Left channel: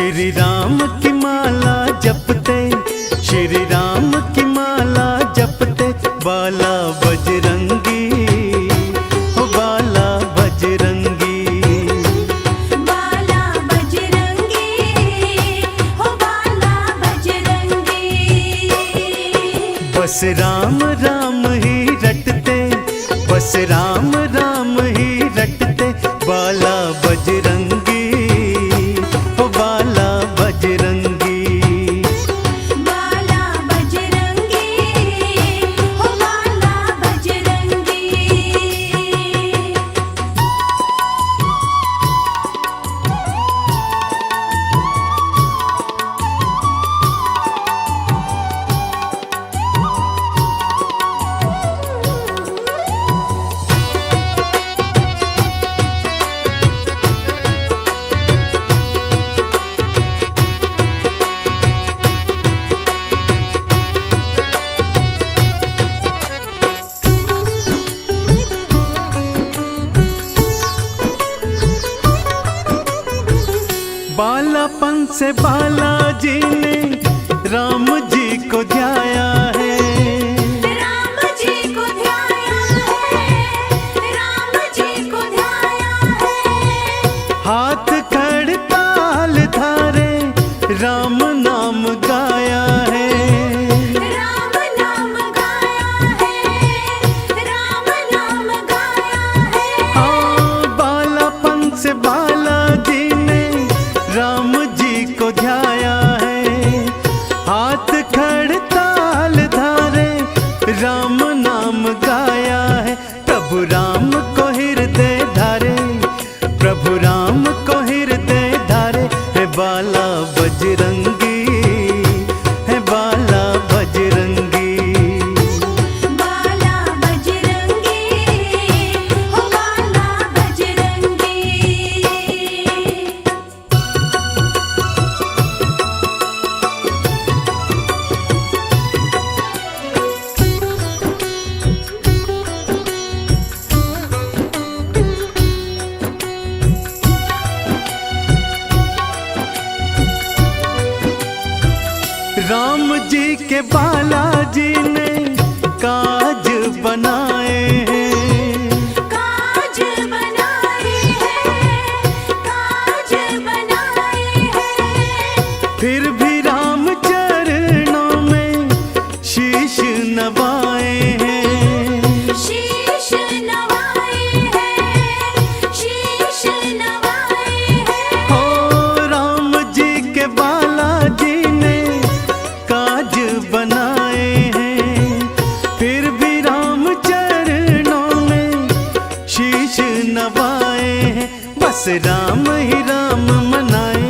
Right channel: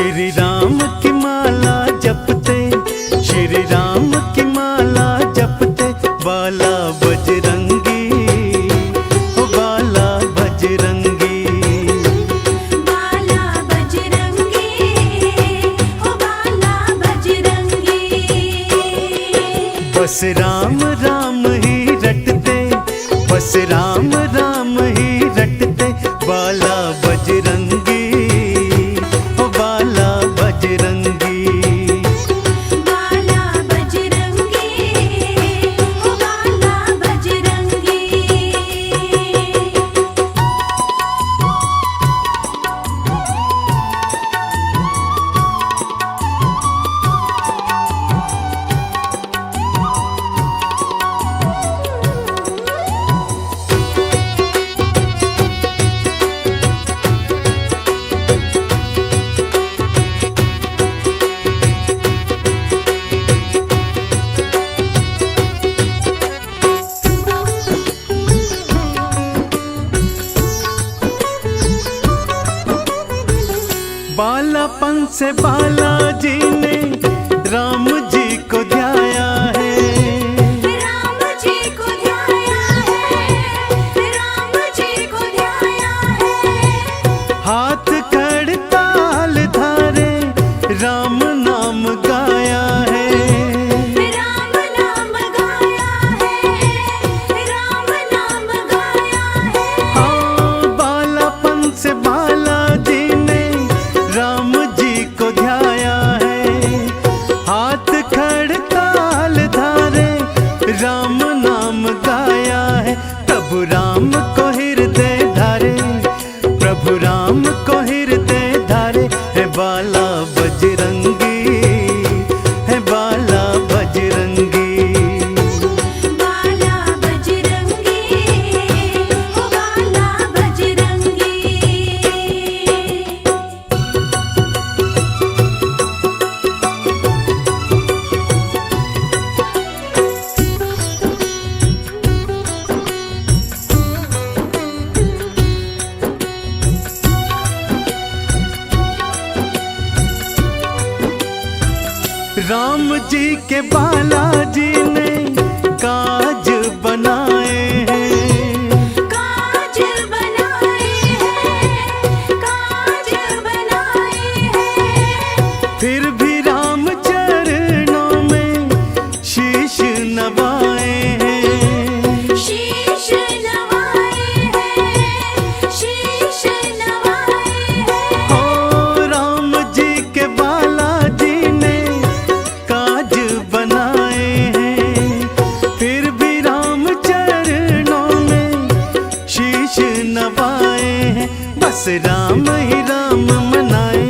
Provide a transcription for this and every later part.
श्री राम की माला जपते, श्री राम की माला जपते, बाला बजरंगी, ओ बाला बजरंगी, बाला बजरंगी, ओ बाला बजरंगी। बस राम राम ही रटते, बस राम राम ही रटते, बाला बजरंगी, ओ बाला बजरंगी, बाला बजरंगी, ओ बाला बजरंगी। बालापन से बालाजी ने राम जी को ध्याया है, राम जी को ध्याया है, राम जी को ध्याया है। हाथ खड़ताल धारे राम नाम गाया है, राम नाम गाया है, राम नाम गाया है। हाँ बालापन से बालाजी ने राम जी को ध्याया है, हाथ खड़ताल धारे राम नाम गाया है। प्रभु राम को हृदय धारे, प्रभु राम को हृदय धारे, है बाला बजरंगी, है बाला बजरंगी, बाला बजरंगी, ओ बाला बजरंगी। राम जी के बालाजी ने काज बनाए हैं, काज बनाए हैं, काज बनाए हैं। फिर भी राम चरणों में शीश नवाए हैं, शीश नवाए हैं, शीश नवाए हैं। हो राम जी के बालाजी ने काज बनाए हैं, फिर भी राम चरणों में शीश नवाए हैं। बस राम ही राम मनाए,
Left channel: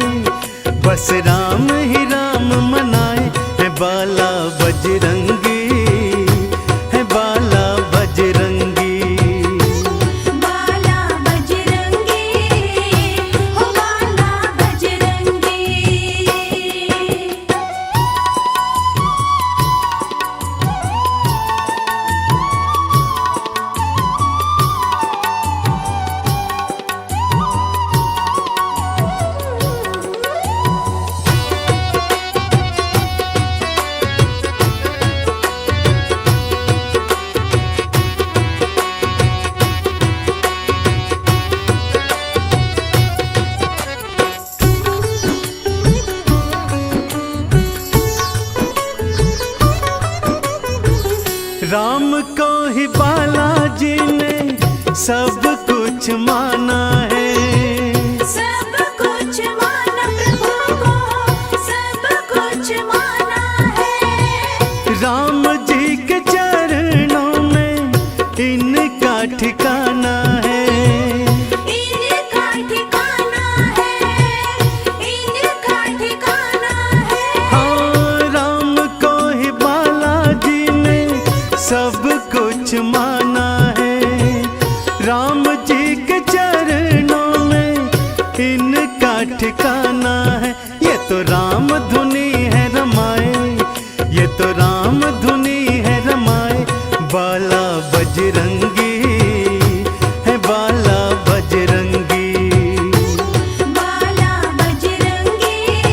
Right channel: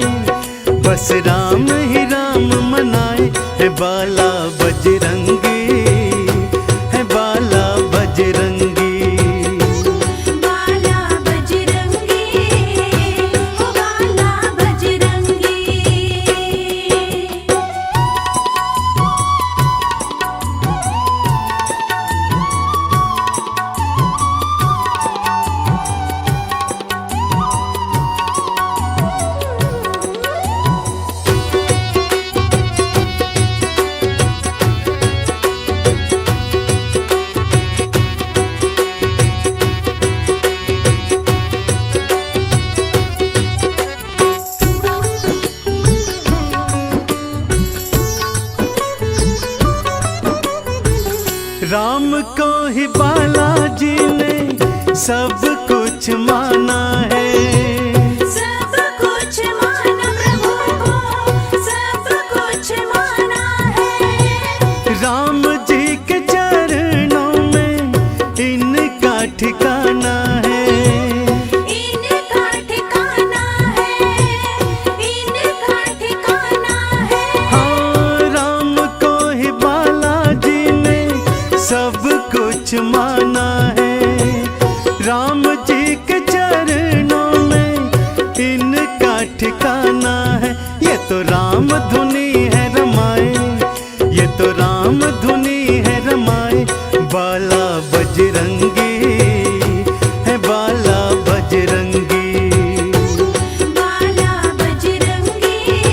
बस राम ही राम मनाए, है बाला बजरंगी, है बाला बजरंगी, बाला बजरंगी, ओ बाला बजरंगी। राम को ही बालाजी ने सब कुछ माना है, सब कुछ माना प्रभु को, सब कुछ माना है। राम जी के चरणों में इनका ठिकाना है, इनका ठिकाना है, इनका ठिकाना है। हाँ राम को ही बालाजी ने सब कुछ माना है, राम जी के चरणों में इनका ठिकाना है। ये तो राम धुनी है रमाए, ये तो राम धुनी है रमाए, बाला बजरंगी, है बाला बजरंगी, बाला बजरंगी,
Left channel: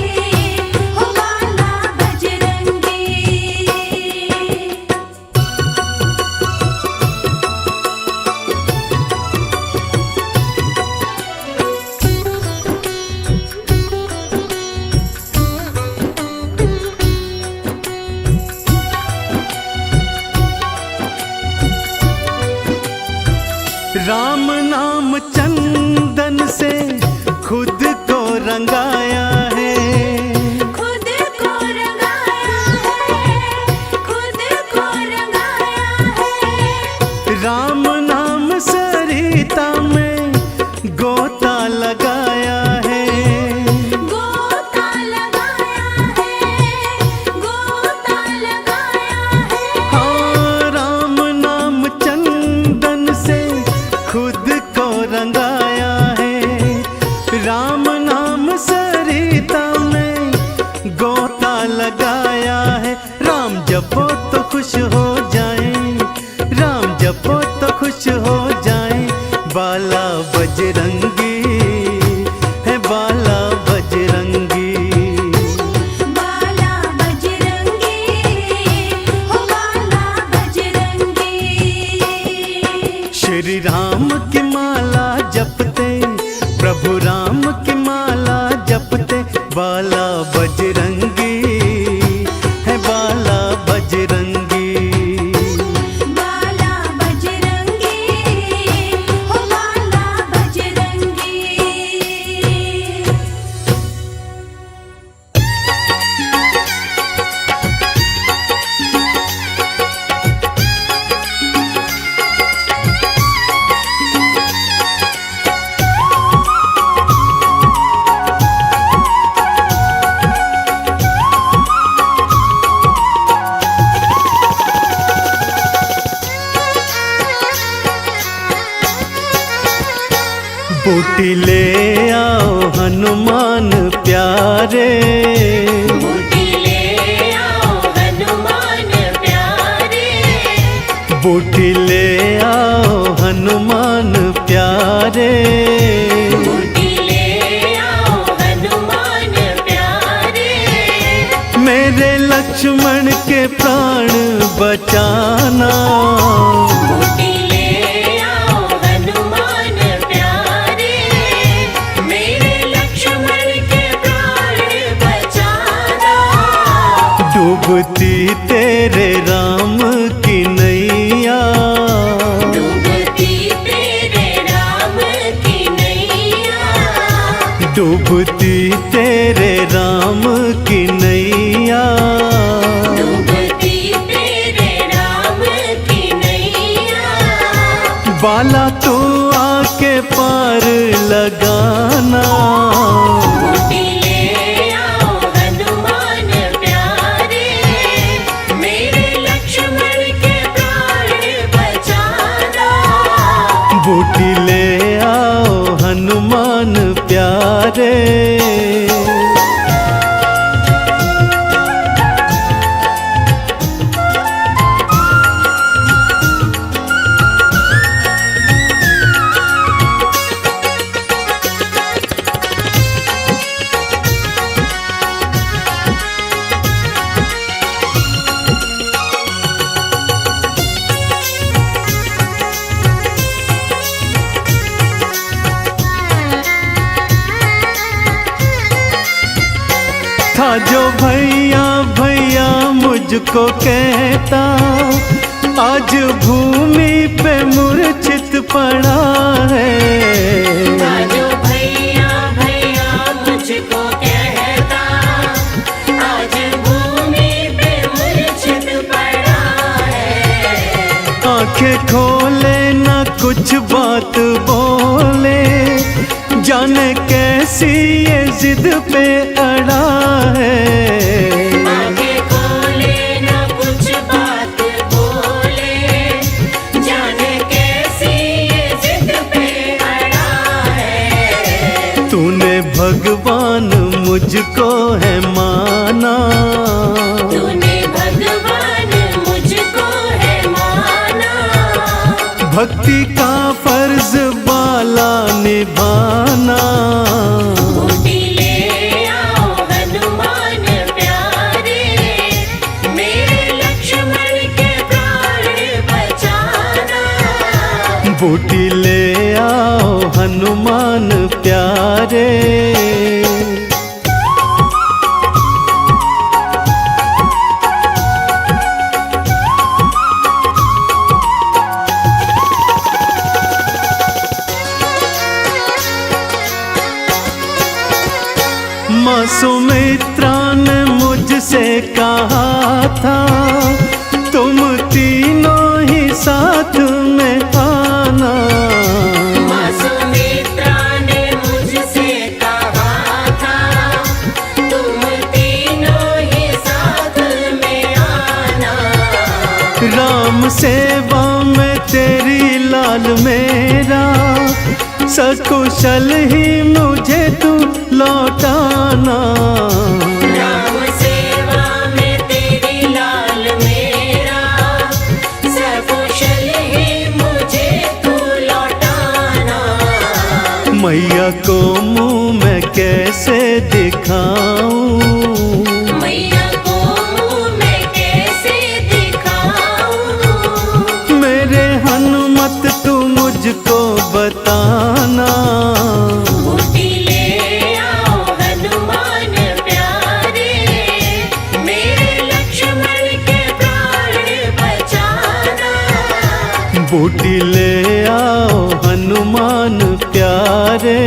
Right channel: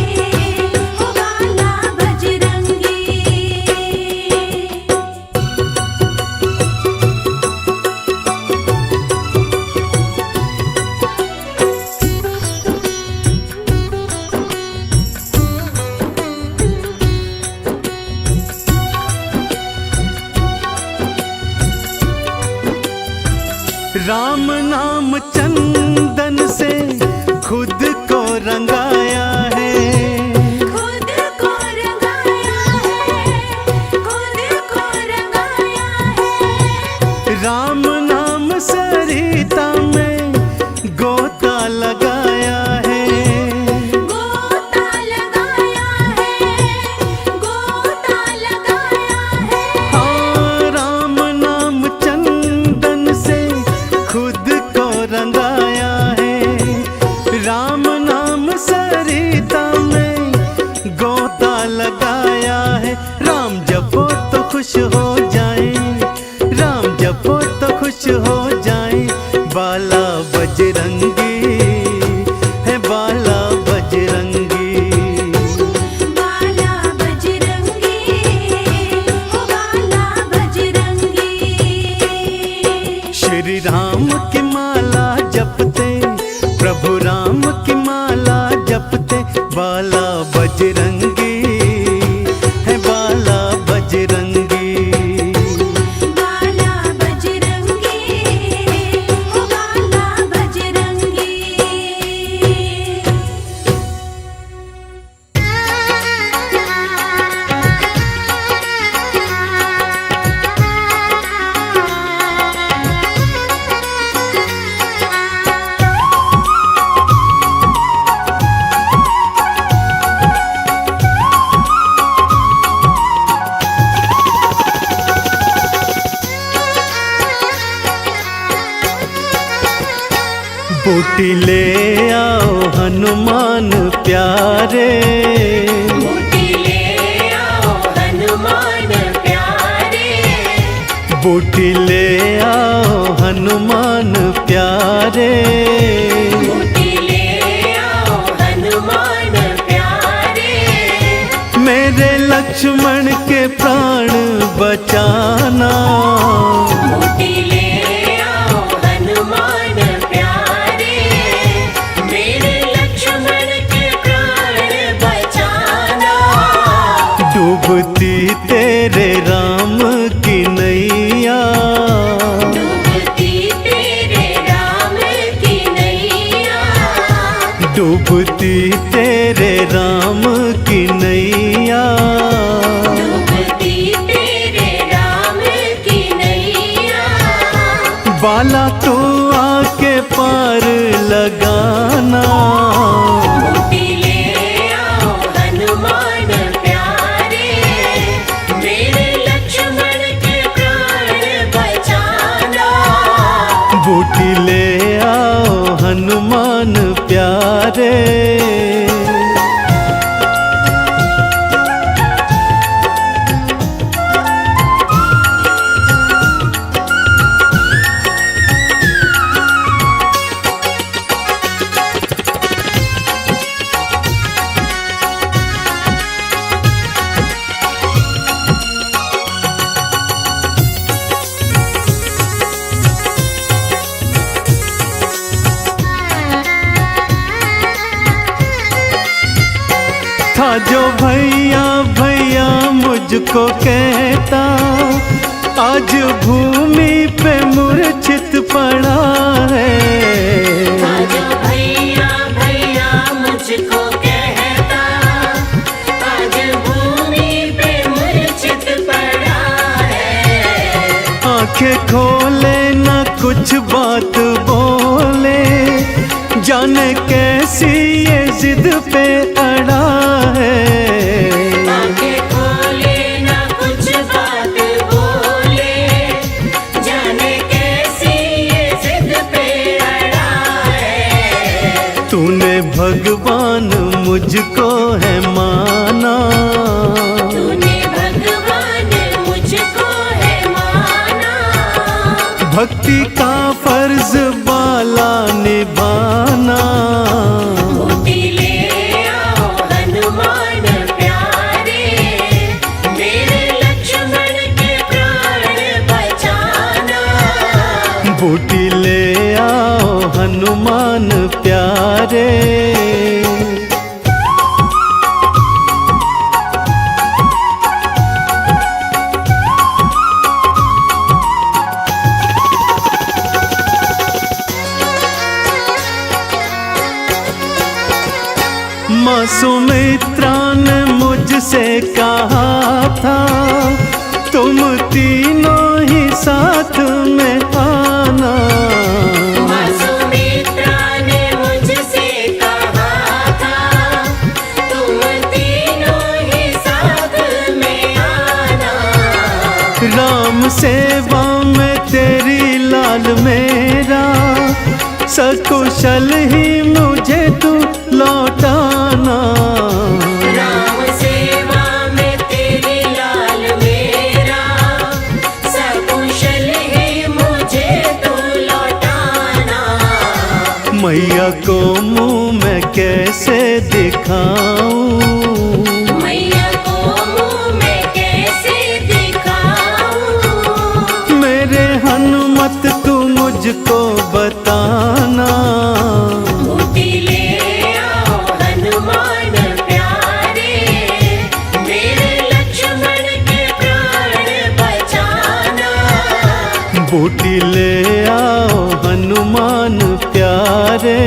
राम नाम चंदन से खुद को रंगाया है, खुद को रंगाया है, खुद को रंगाया है। राम नाम सरिता में गोता लगाया है, गोता लगाया है, गोता लगाया है। हाँ राम नाम चंदन से खुद को रंगाया है, राम नाम सरिता में गोता लगाया है। राम जपो तो खुश हो जाए, राम जपो तो खुश हो जाए, बाला बजरंगी है बाला बजरंगी। बाला बजरंगी, ओ बाला बजरंगी। श्री राम की माला जपते, प्रभु राम की माला जपते, बाला बजरंगी है बाला बजरंगी। बाला बजरंगी, ओ बाला बजरंगी। बूटी ले आओ हनुमान प्यारे, बूटी ले आओ हनुमान प्यारे, बूटी ले आओ हनुमान प्यारे। बूटी ले आओ हनुमान प्यारे। मेरे लक्ष्मण के प्राण बचाना, बूटी ले आओ हनुमान प्यारे। मेरे लक्ष्मण के प्राण बचाना। डूबती तेरे राम की नैया, डूबती तेरे राम की नैया। डूबती तेरे राम की नैया। डूबती तेरे राम की नैया। बाला तू आके पार लगाना, बूटी ले आओ हनुमान प्यारे। मेरे लक्ष्मण के प्राण बचाना। बूटी ले आओ हनुमान प्यारे। था जो भैया भैया मुझको कहता, आज भूमि पे मूर्छित पड़ा है। आज भैया भैया मुझको कहता, आज भूमि पे मूर्छित पड़ा है। आंखें खोले ना कुछ बात बोले, जाने कैसी ये जिद पे अड़ा है। आंखें खोले ना कुछ बात बोले, जाने कैसी ये जिद पे अड़ा है। तूने भगवान मुझको है माना, तूने भगवान मुझको है माना। भक्ति का फर्ज बाला निभाना। बूटी ले आओ हनुमान प्यारे। मेरे लक्ष्मण के प्राण बचाना। बूटी ले आओ हनुमान प्यारे। मुझसे कहा था तुम तीनों ही साथ में आना। माँ सुमित्रा ने मुझसे कहा था तुम तीनों ही साथ में आना। राम सेवा में तेरी लाल मेरा, सकुशल ही मुझे तू लौटाना। राम सेवा में तेरी लाल मेरा, सकुशल ही मुझे तू लौटाना। मैया को मुँह मैं कैसे दिखाऊं, मैया को मुँह मैं कैसे दिखाऊं। मेरे हनुमत तू मुझको बताना। बूटी ले आओ हनुमान प्यारे, मेरे लक्ष्मण के प्राण बचाना। बूटी ले आओ हनुमान प्यारे।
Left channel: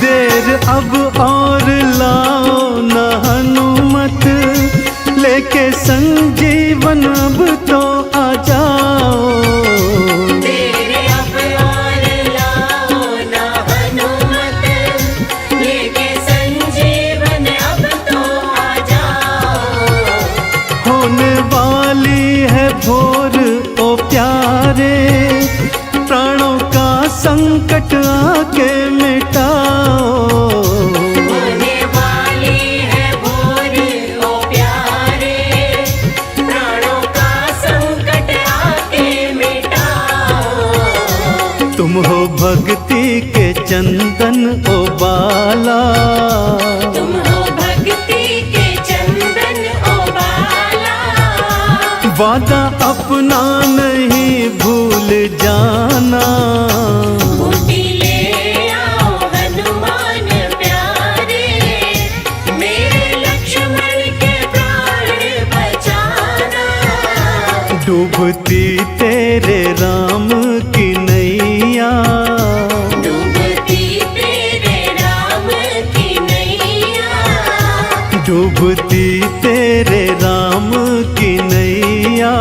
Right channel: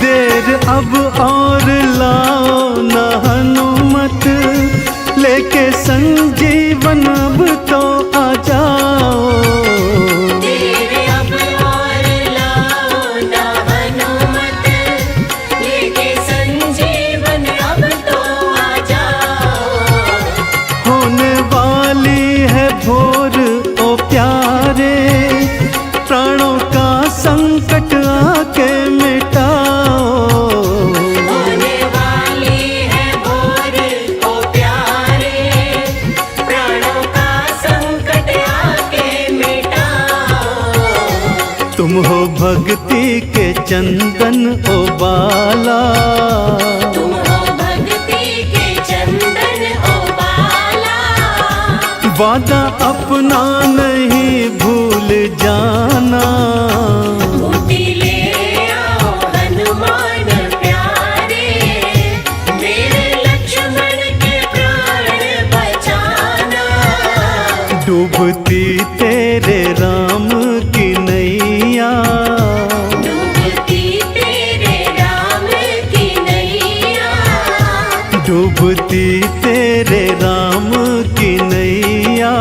देर अब और लाओ न हनुमत, लेके संजीवन अब तो आ जाओ। तेरे अब और लाओ ना हनुमत, लेके संजीवन अब तो आ जाओ। होने वाली है भोर ओ प्यारे, प्राणों का संकट आके मिटाओ। होने वाली है भोर ओ प्यारे, प्राणों का संकट आके मिटाओ। तुम हो भक्ति के चंदन ओ बाला, तुम हो भक्ति के चंदन ओ बाला। वादा अपना नहीं भूल जाना। बूटी ले आओ हनुमान प्यारे, मेरे लक्ष्मण के प्राण बचाना। डूबती तेरे राम की नैया, डूबती तेरे राम की नैया। डूबती तेरे राम की नैया।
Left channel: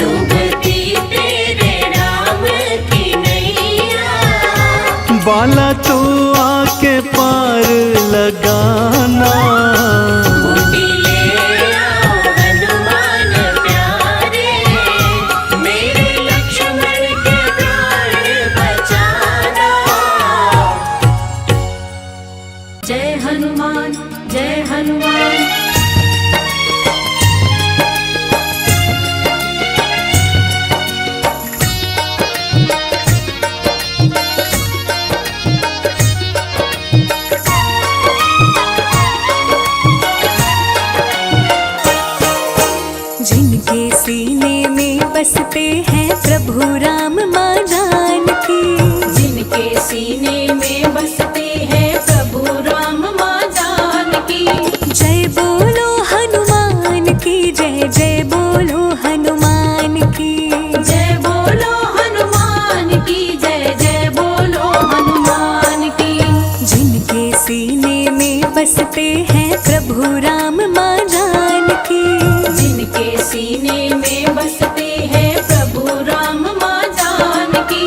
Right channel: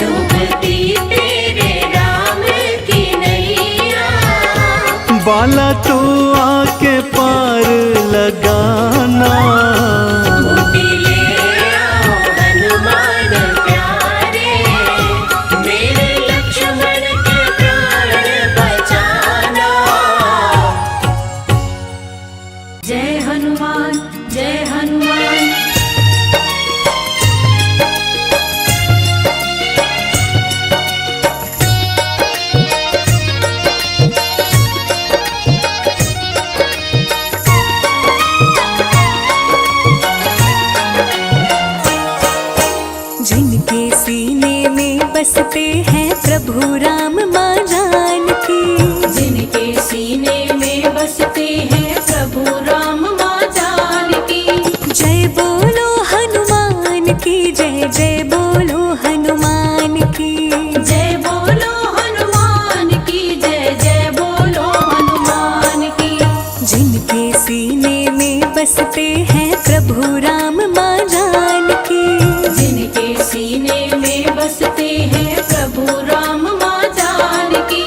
डूबती तेरे राम की नैया। बाला तू आके पार लगाना। बूटी ले आओ हनुमान प्यारे, मेरे लक्ष्मण के प्राण बचाना। जय हनुमान जय हनुमान। जिनके सीने में बसते हैं प्रभु राम माँ जानकी, जिनके सीने में बसते हैं प्रभु राम माँ जानकी। जय बोलो हनुमान की जय, जय बोलो हनुमान की। जय बोलो हनुमान की जय, जय बोलो हनुमान की। जिनके सीने में बसते हैं प्रभु राम माँ जानकी, जिनके सीने में बसते हैं प्रभु राम माँ जानकी।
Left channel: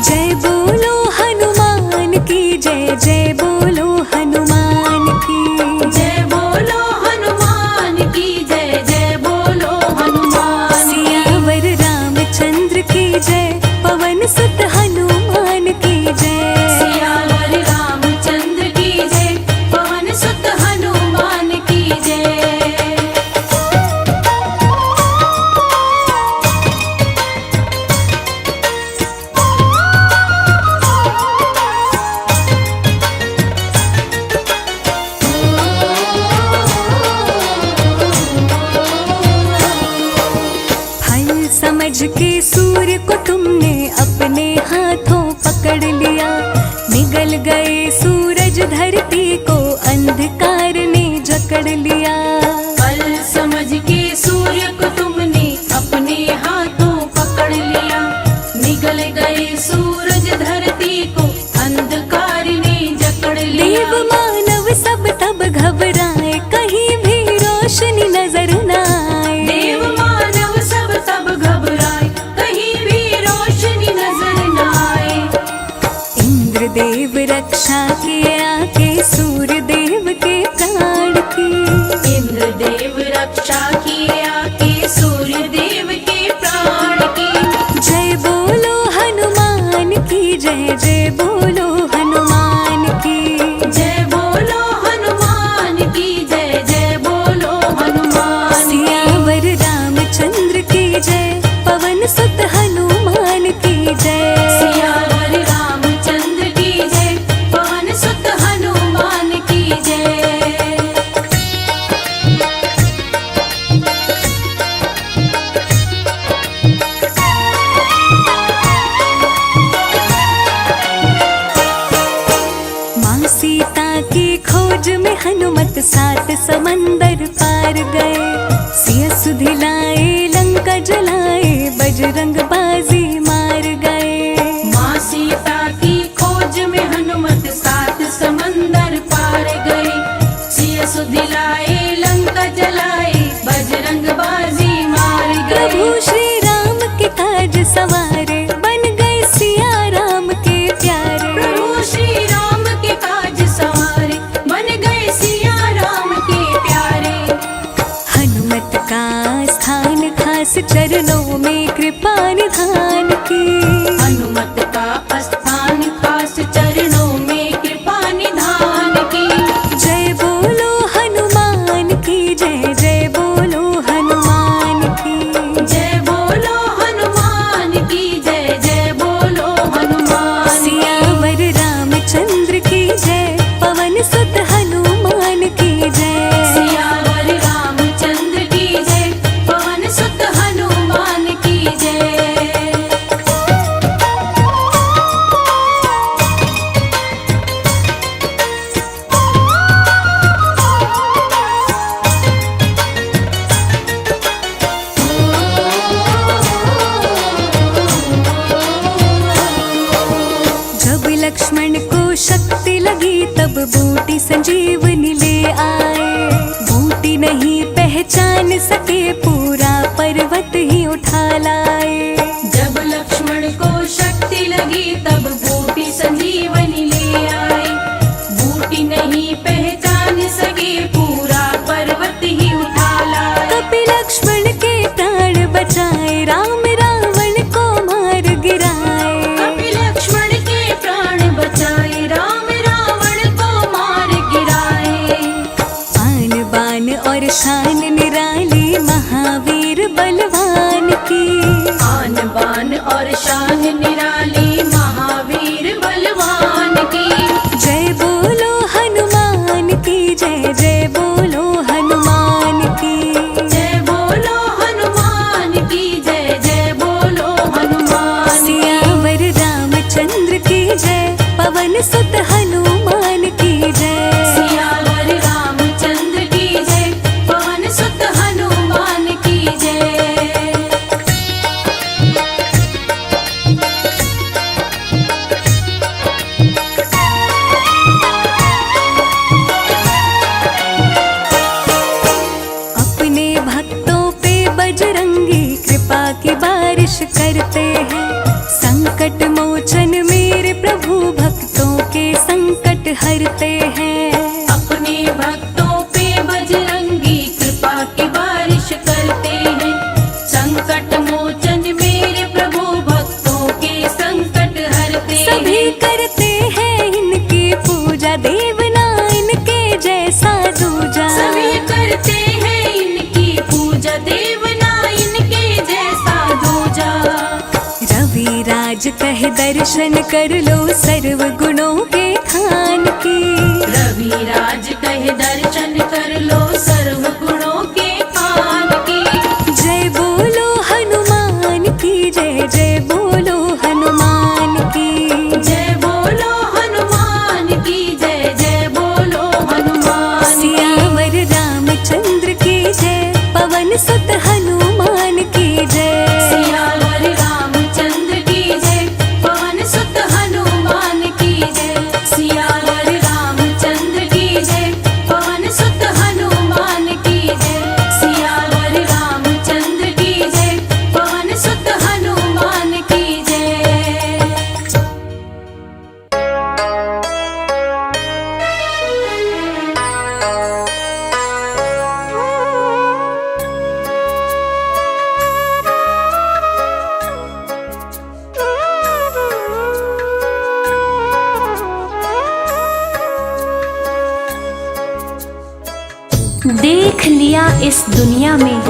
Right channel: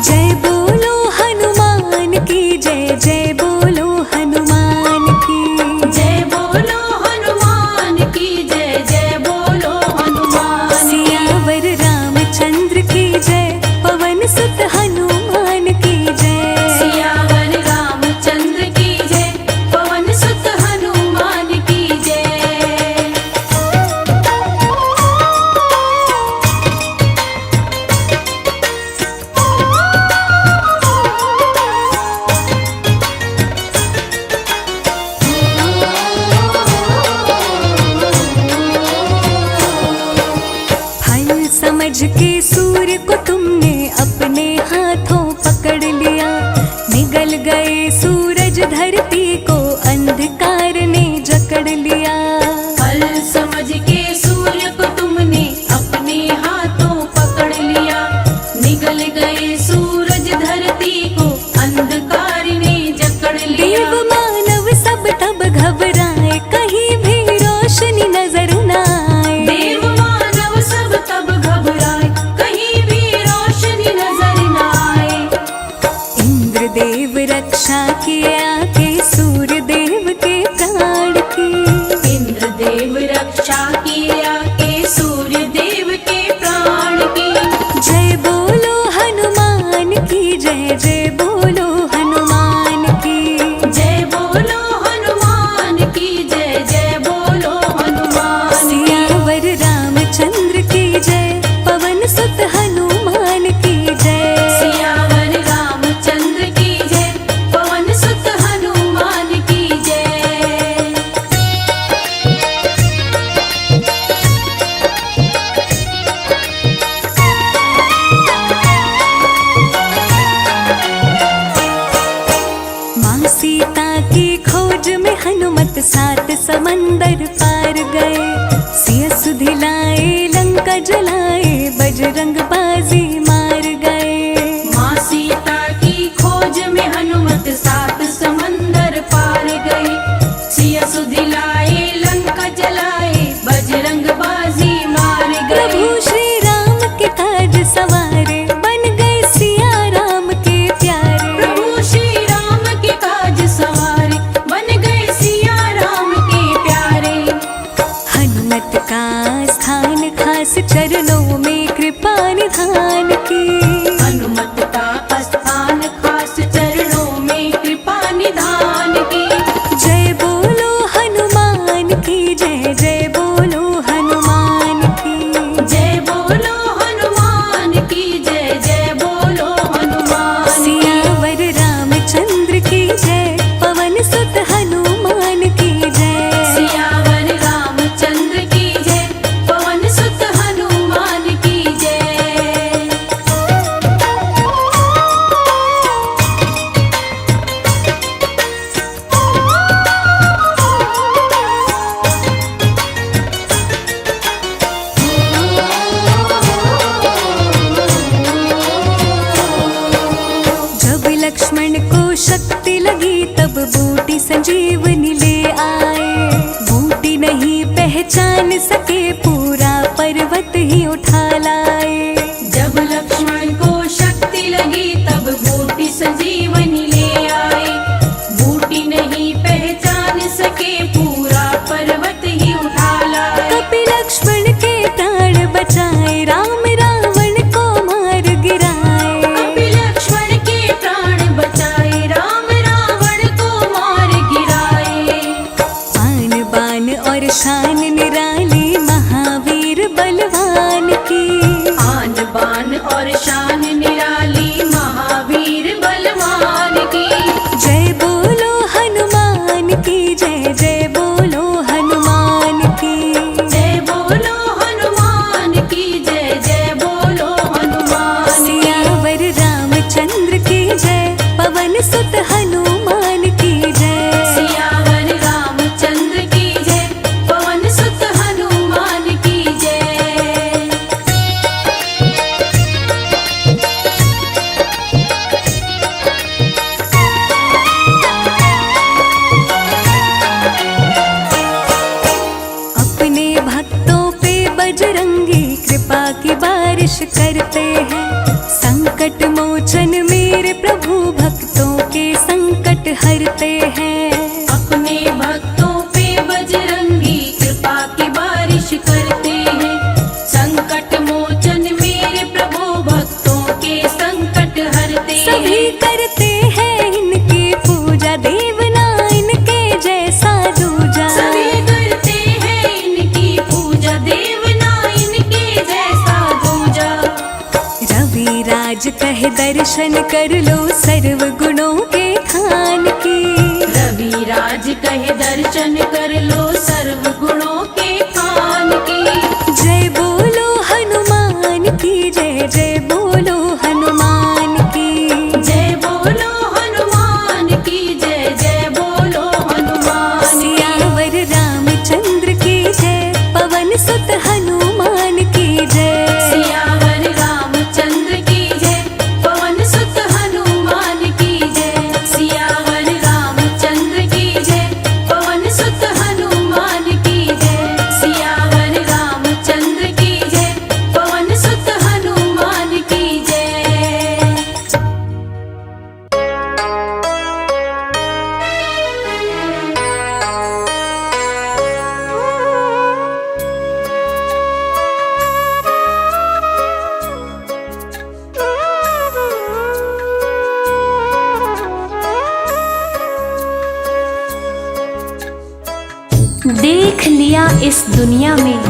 जय बोलो हनुमान की जय, जय बोलो हनुमान की। जय बोलो हनुमान की जय, जय बोलो हनुमान। सियावर रामचंद्र की जय, पवन सुत हनुमान की जय। सियावर रामचंद्र की जय, पवन सुत हनुमान की जय। समझ के सूर्य को तुमने अपने हाथों पकड़ लिया। निगल गए सूरज धरती को अंधकार ने जकड़ लिया। पल समझ के सूर्य को तुमने अपने हाथों पकड़ लिया। निगल गए सूरज धरती को अंधकार ने जकड़ लिया। देव मानव सब तब घबराए, कहीं भी रोशनी नजर न आए। देव मानव सब तब घबराए, कहीं भी रोशनी नजर न आए। इंद्रदेव रक्षा किए आके सूर्य देव के प्राण की। इंद्रदेव रक्षा किए आके सूर्य देव के प्राण की। जय बोलो हनुमान की जय, जय बोलो हनुमान की। जय बोलो हनुमान की जय, जय बोलो हनुमान। सियावर रामचंद्र की जय, पवन सुत हनुमान की जय। सियावर रामचंद्र की जय, पवन सुत हनुमान की जय। माँ सीता की खोज में हनुमत 7 समंदर पार गए। सिया सुधिलाए लंका जलाए, बजरंग बाजी मार गए। माँ सीता की खोज में हनुमत 7 समंदर पार गए। सिया सुधिलाए लंका जलाए, बजरंग बाजी मार गए। प्रभु श्री राम के ताज सवारे, बन गए सिया राम के प्यारे। प्रभु श्री राम के काज सवारे, बन गए सिया राम के प्यारे। हनुमत का स्थान खास चरणों में कृपा निधान की। हनुमत का स्थान खास चरणों में कृपा निधान की। जय बोलो हनुमान की जय, जय बोलो हनुमान की। जय बोलो हनुमान की जय, जय बोलो हनुमान। सियावर रामचंद्र की जय, पवन सुत हनुमान की जय। सियावर रामचंद्र की जय, पवन सुत हनुमान की जय। जब लक्ष्मण को शक्ति लगी, तब बूटी संजीवनी ले आए। बूटी नहीं पहचान सके, पूरा पर्वत ही उठा लाए। जब लक्ष्मण को शक्ति लगी, तब बूटी संजीवनी ले आए। बूटी नहीं पहचान सके, पूरा पर्वत ही उठा लाए। कपि लक्ष्मण के प्राण बचाए, राम रावण को मार गिराए। कपि लक्ष्मण के प्राण बचाए, राम रावण को मार गिराए। आन बान और शान निराली, महावीर बलवान की। आन बान और शान निराली, महावीर बलवान की। जय बोलो हनुमान की जय, जय बोलो हनुमान की। जय बोलो हनुमान की जय, जय बोलो हनुमान। सियावर रामचंद्र की जय, पवन सुत हनुमान की जय। सियावर रामचंद्र की जय, पवन सुत हनुमान की जय। अपने भक्तों पे बजरंगी कृपा की बारिश करते हैं। संकट मोचन मेरे प्रभु, भक्तों के संकट हरते हैं। अपने भक्तों पे बजरंगी कृपा की बारिश करते हैं। संकट मोचन मेरे प्रभु, भक्तों के संकट हरते हैं। सभी करते हैं इनकी पूजा, देवना इनके जैसा दूजा। सभी करते हैं इनकी पूजा, देवना इनके जैसा दूजा। रवि राज कहे दर्शन कर लो, सर्व गुणों के खान की। रवि राज कहे दर्शन कर लो, सर्व गुणों के खान की। जय बोलो हनुमान की पवन सुत हनुमान की जय। सियावर रामचंद्र की जय, पवन सुत हनुमान की जय। सियावर रामचंद्र की जय, पवन सुत हनुमान की जय। सियावर रामचंद्र की जय, पवन सुत हनुमान की जय। देख लिया इस दुनिया में,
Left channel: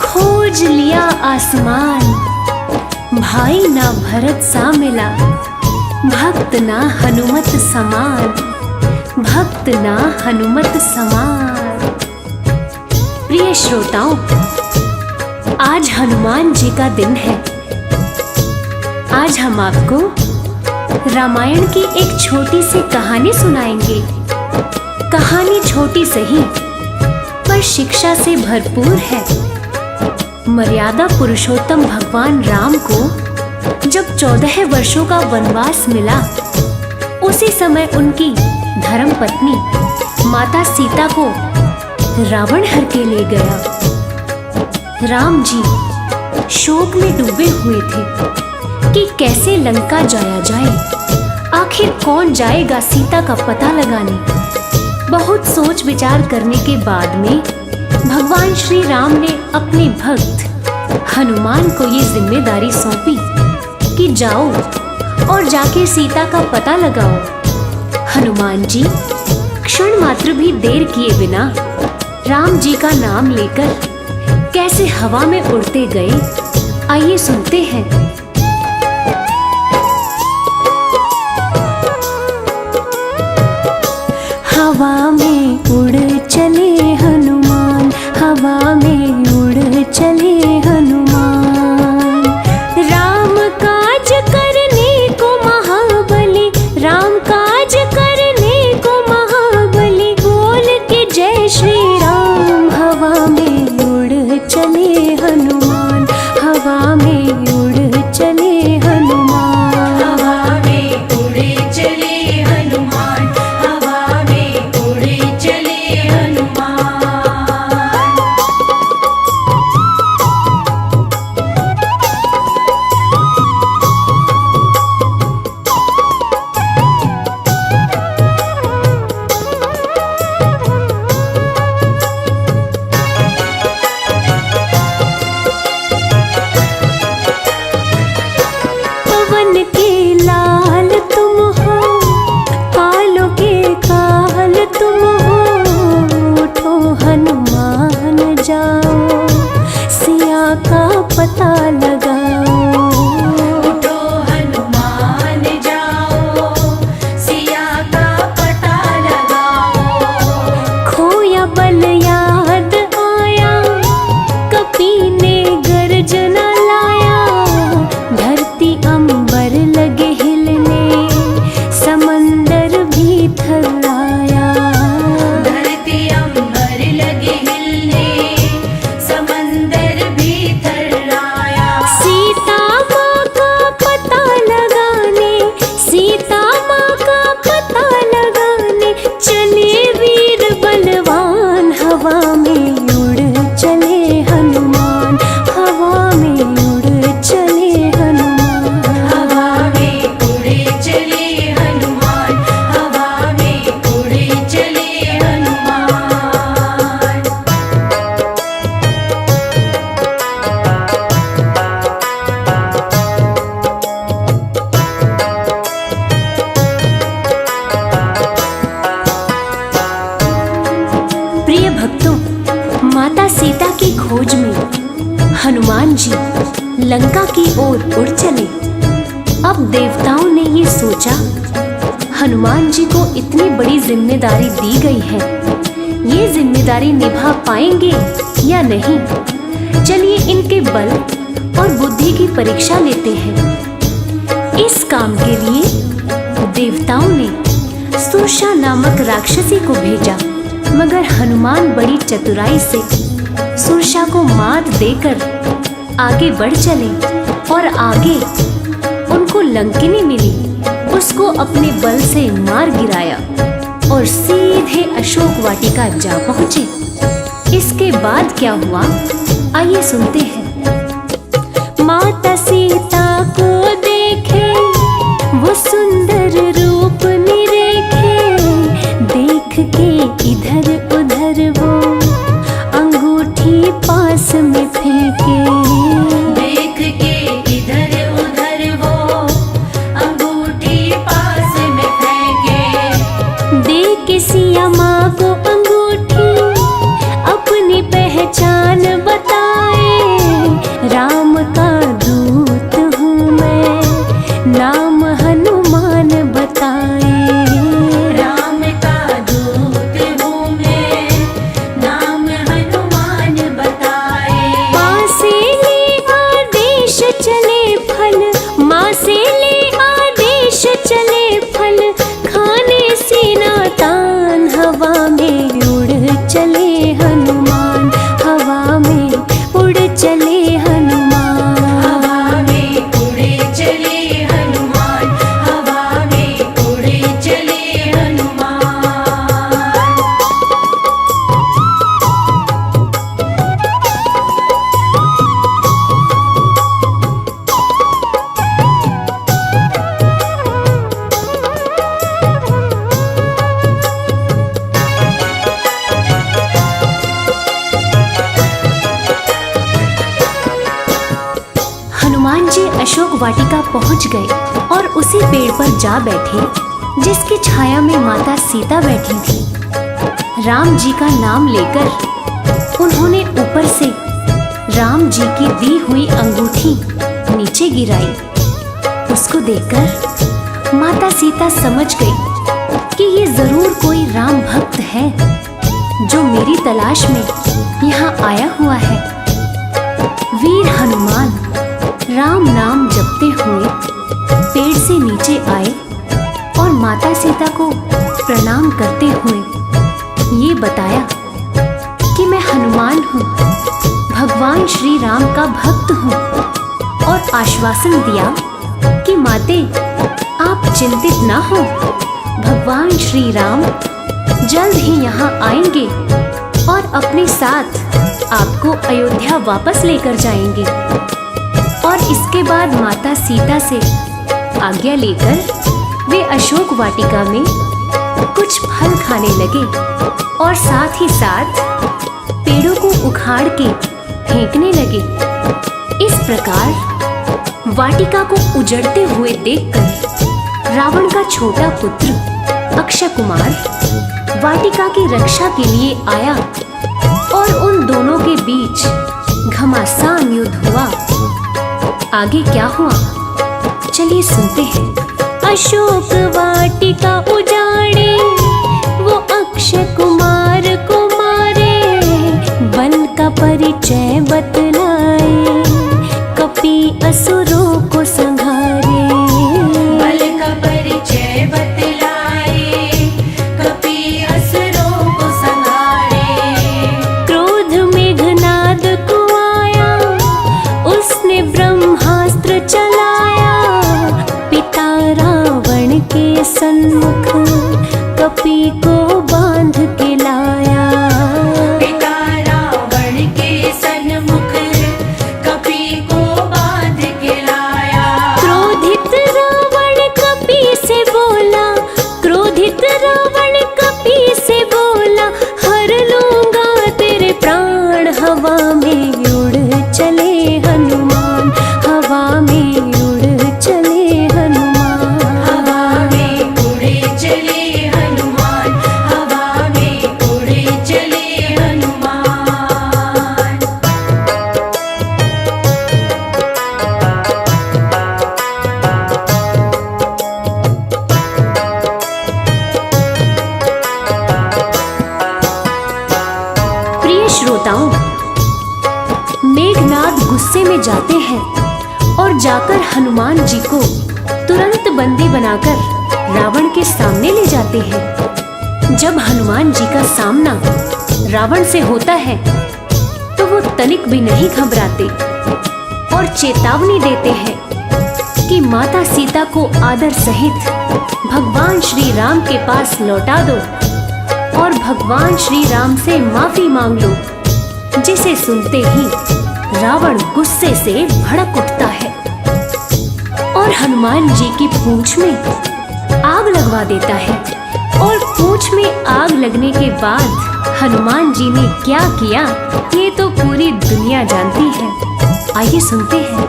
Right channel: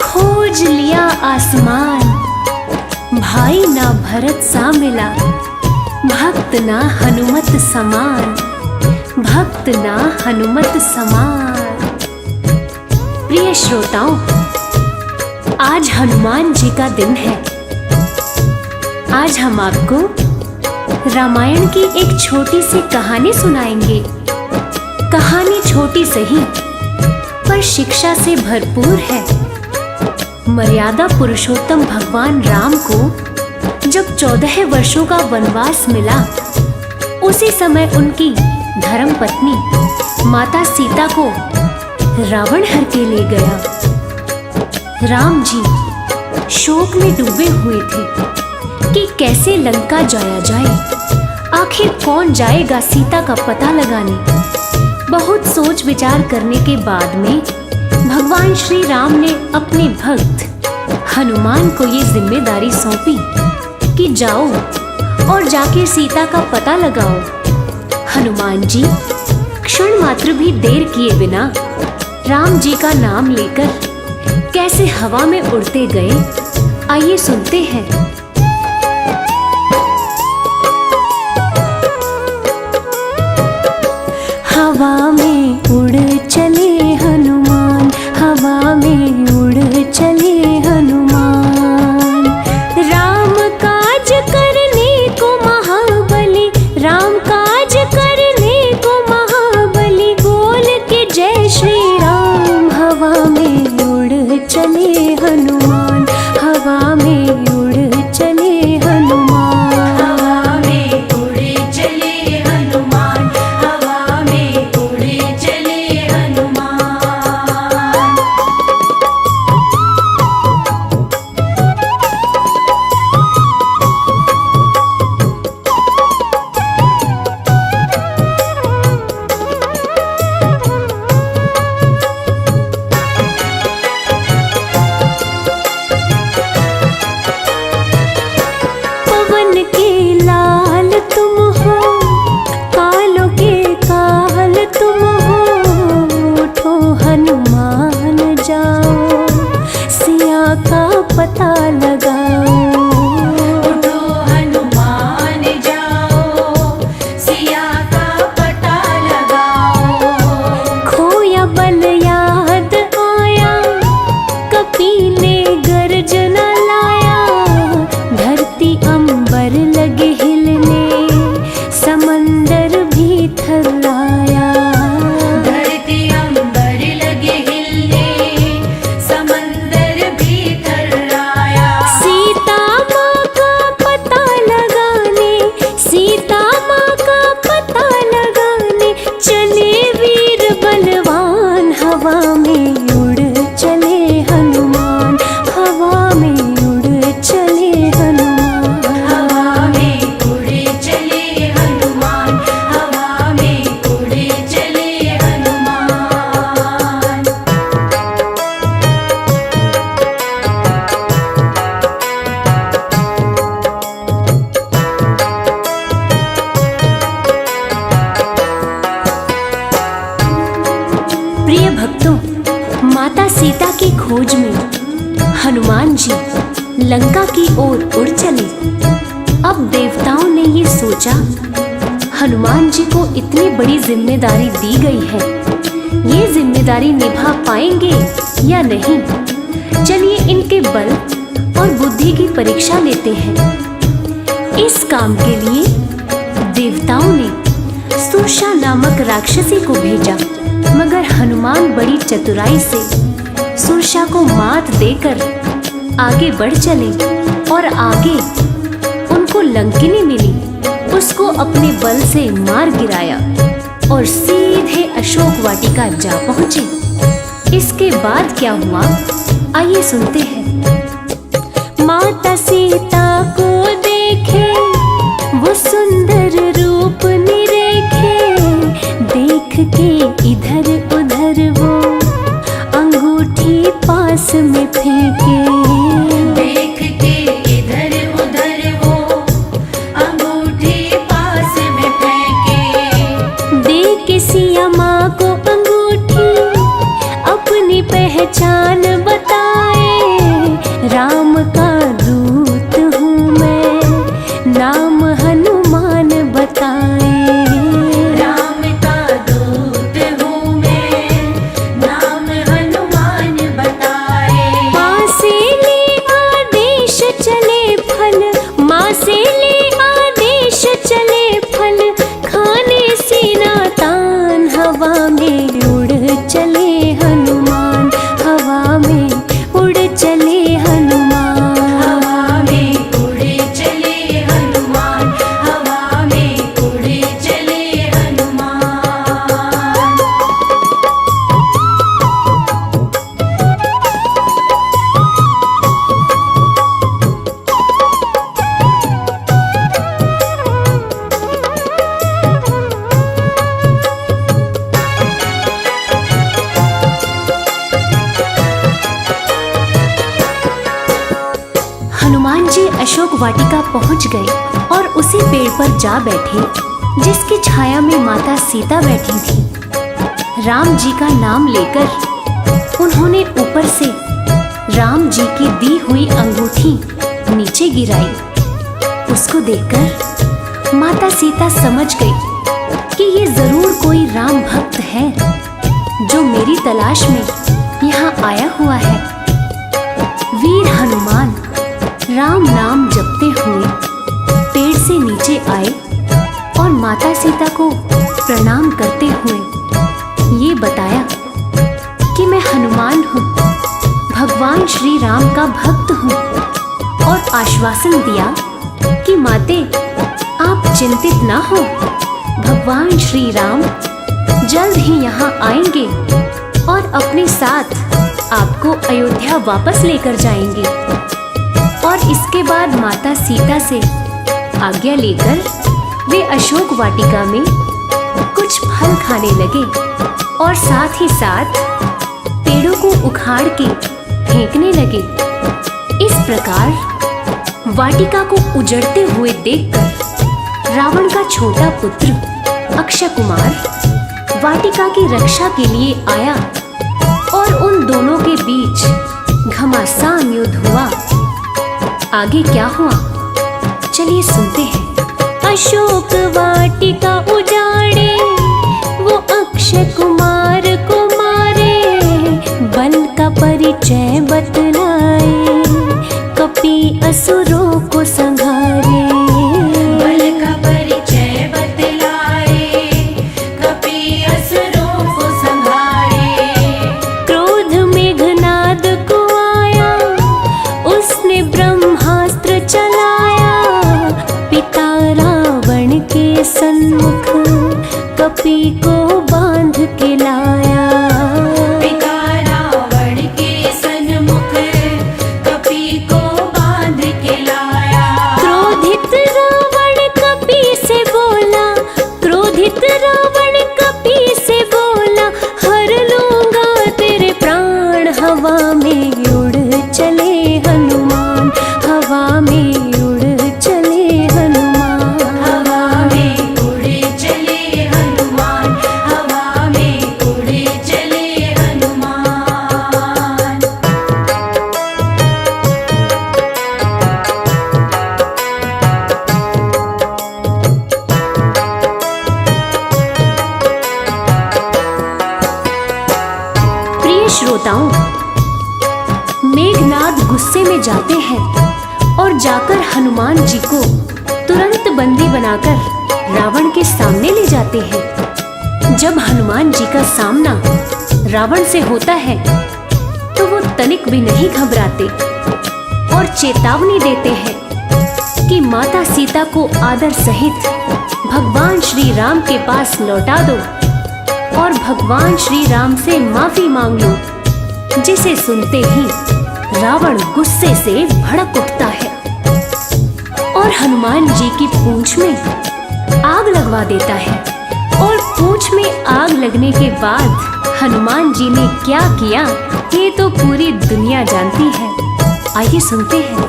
खोज लिया आसमान। भाई ना भरत सा मिला, भक्त ना हनुमत समान। भक्त ना हनुमत समान। प्रिय श्रोताओं, आज हनुमान जी का दिन है। आज हम आपको रामायण की एक छोटी सी कहानी सुनाएंगे। कहानी छोटी सही पर शिक्षा से भरपूर है। मर्यादा पुरुषोत्तम भगवान राम को जब 14 वर्षों का वनवास मिला, उसी समय उनकी धर्म पत्नी माता सीता को रावण हर के ले गया। राम जी शोक में डूबे हुए थे कि कैसे लंका जाया जाए। आखिर कौन जाएगा सीता का पता लगाने। बहुत सोच विचार करने के बाद में भगवान श्री राम ने अपने भक्त हनुमान को ये जिम्मेदारी सौंपी कि जाओ और जाके सीता का पता लगाओ। हनुमान जी क्षण मात्र भी देर किए बिना राम जी का नाम लेकर कैसे हवा में उड़ते गए, आइए सुनते हैं। हवा में उड़ चले हनुमान, हवा में उड़ चले हनुमान। राम काज करने को महाबली, राम काज करने को महाबली। बोल के जय श्री राम, हवा में उड़ चले हनुमान। हवा में उड़ चले हनुमान। हवा में उड़े चले हनुमान, हवा में उड़े चले हनुमान। पवन के लाल तुम हो, कालों के काल तुम हो। उठो हनुमान जाओ, सिया का पता लगाओ। उठो हनुमान जाओ, सिया का पता लगाओ। खोया बल याद आया, कपी ने गर्जना लाया। धरती अंबर लगे हिलने, समंदर भी थर्राया। धरती अंबर लगे हिलने, समंदर भी थर्राया। सीता माँ का पता लगाने, सीता माँ का पता लगाने चले वीर बलवान। हवा में उड़ चले हनुमान, हवा में उड़ चले हनुमान। हवा में उड़े चले हनुमान, हवा में उड़े चले हनुमान। प्रिय भक्तों, माता सीता की खोज में हनुमान जी लंका की ओर उड़ चले। अब देवताओं ने ये सोचा, हनुमान जी को इतनी बड़ी जिम्मेदारी दी गई है, ये जिम्मेदारी निभा पाएंगे या नहीं। चलिए इनके बल और बुद्धि की परीक्षा लेते हैं। इस काम के लिए देवताओं ने सुषा नामक राक्षसी को भेजा, मगर हनुमान बड़ी चतुराई से सुरसा को मात देकर आगे बढ़ चले और आगे उनको लंकिनी मिली। उसको अपने बल से मार गिराया और सीधे अशोक वाटिका जा पहुंचे। इसके बाद क्या हुआ, आइए सुनते हैं। माता सीता को देखे वो सुंदर रूप निरेखे, देख के इधर उधर वो अंगूठी पास में फेंके। देख के इधर उधर वो अंगूठी पास में फेंके। दे के सिया माँ को अंगूठी अपनी पहचान बताए, राम का दूत हूँ मैं, नाम हनुमान बताए। राम का दूत हूँ मैं, नाम हनुमान बताए। माँ से ले आदेश चले फल, माँ से ले आदेश चले फल, खाने सीना तान हवा में उड़ चले हनुमान, हवा में उड़ चले हनुमान। हवा में उड़े चले हनुमान, हवा में उड़े चले हनुमान। हनुमान जी अशोक वाटिका पहुंच गए और उसी पेड़ पर जा बैठे जिसकी छाया में माता सीता बैठी थी। राम जी का नाम लेकर उन्होंने ऊपर से राम जी की दी हुई अंगूठी नीचे गिराई। उसको देखकर माता सीता समझ गई कि ये जरूर कोई राम भक्त है जो मेरी तलाश में यहाँ आया हुआ है। वीर हनुमान राम नाम जपते हुए पेड़ से नीचे आए और माता सीता को प्रणाम करते हुए ये बताया कि मैं हनुमान हूँ, भगवान श्री राम का भक्त हूँ, और आश्वासन दिया कि माते आप चिंतित ना हो, भगवान श्री राम जल्द ही यहाँ आएंगे और अपने साथ आपको अयोध्या वापस लेकर जाएंगे। और इसके बाद माता सीता से आज्ञा लेकर वे अशोक वाटिका में कुछ फल खाने लगे और साथ ही साथ पेड़ों को उखाड़ के फेंकने लगे। इस प्रकार वाटिका को उजड़ते हुए देखकर रावण का छोटा पुत्र अक्षय कुमार वाटिका की रक्षा के लिए आया और उन दोनों के बीच घमासान युद्ध हुआ। आगे क्या हुआ, चलिए सुनते हैं। अशोक वाटिका उजाड़े वो अक्षय कुमार को मारे, बल का परिचय बतलाए कपि असुरों को संहारे। बल का परिचय बतलाए कपि असुरों को संहारे। क्रोध मेघनाद को आया उसने ब्रह्मास्त्र चलाया, पिता रावण के सन्मुख कपि को बांध के लाया। पिता रावण के सन्मुख कपि को बांध के लाया। क्रोधित रावण कपि से बोला, क्रोधित रावण कपि से बोला, हर लूंगा तेरे प्राण। हवा में उड़ चले हनुमान, हवा में उड़ चले हनुमान। हवा में उड़े चले हनुमान, हवा में उड़े चले हनुमान। प्रिय श्रोताओं, मेघनाद गुस्से में जाते हैं और जाकर हनुमान जी को तुरंत बंदी बनाकर रावण के सामने ले जाते हैं। जब हनुमान जी का सामना रावण से होता है तो वो तनिक भी नहीं घबराते और चेतावनी देते हैं कि माता सीता को आदर सहित भगवान श्री राम के पास लौटा दो और भगवान श्री राम से माफी मांग लो। जिसे सुनते ही रावण गुस्से से भड़क उठता है और हनुमान जी की पूंछ में आग लगवा देता है। और पूंछ में आग लगने के बाद हनुमान जी ने क्या किया ये तो पूरी दुनिया जानती है। आइए सुनते हैं।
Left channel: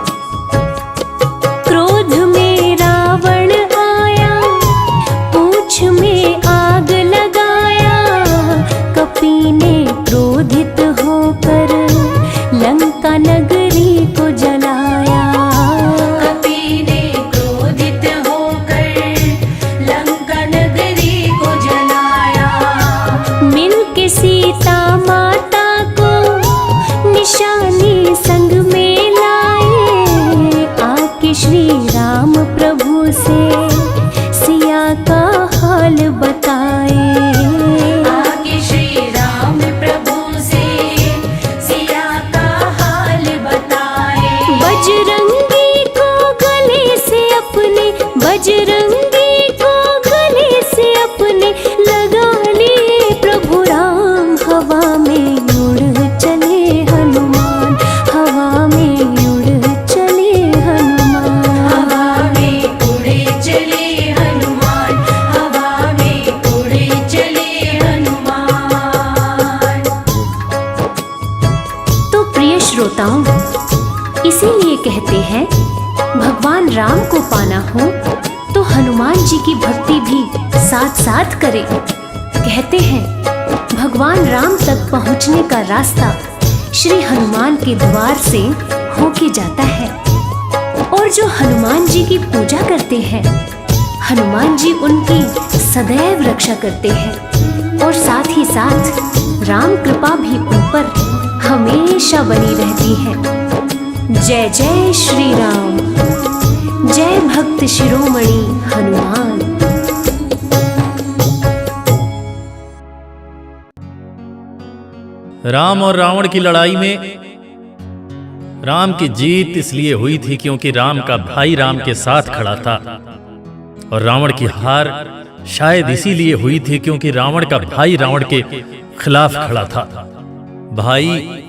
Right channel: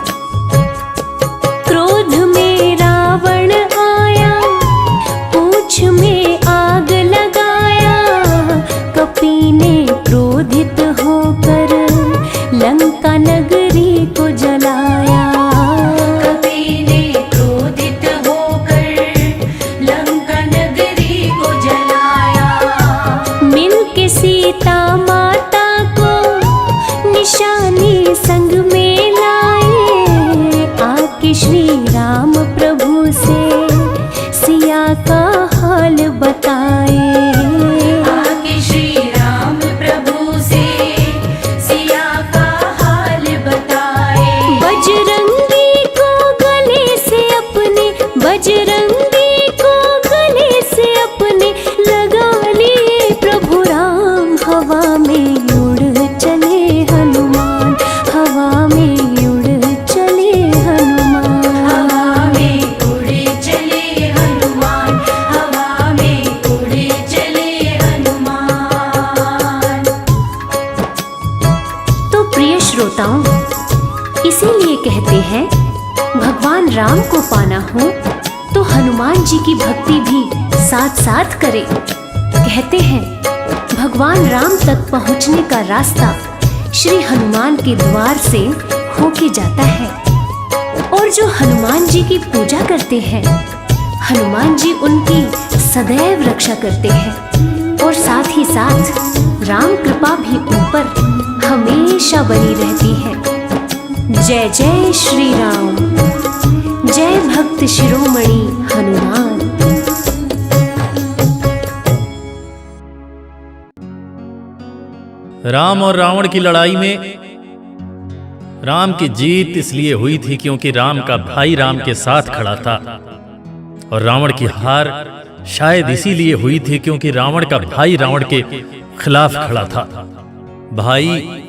क्रोध में रावण आया, पूंछ में आग लगाया, कपी ने क्रोधित होकर लंका नगरी को जलाया। कपी ने क्रोधित होकर लंका नगरी को जलाया। मिलके सीता माता को निशानी संग में लाए, आके श्री राम प्रभु से सिया का हाल बताए। आगे श्री राम प्रभु से सिया का हाल बताए। बजरंगी को गले से अपने, बजरंगी को गले से अपने लगा लिए प्रभु राम। हवा में उड़ चले हनुमान, हवा में उड़ चले हनुमान। हवा में उड़े चले हनुमान, हवा में उड़े चले हनुमान। तो प्रिय श्रोताओं, इसीलिए कहते हैं भगवान राम को पाना हो तो हनुमान जी की भक्ति भी साथ साथ करें। कहते हैं भगवान राम तक पहुंचने का रास्ता श्री हनुमान के द्वार से होके जाता है। और जो हनुमान जी की पूजा करते हैं, हनुमान जी उनकी सदैव रक्षा करते हैं और साथ ही साथ राम कृपा भी उन पर हमेशा बनी रहती है। जय जय श्री राम, जय भक्त शिरोमणि हनुमान। राम और रावण की लड़ाई में राम की जीत इसलिए हुई थी क्योंकि राम का भाई राम के साथ खड़ा था, और रावण की हार शायद इसीलिए हुई थी क्योंकि रावण का भाई रावण के खिलाफ खड़ा था। भाई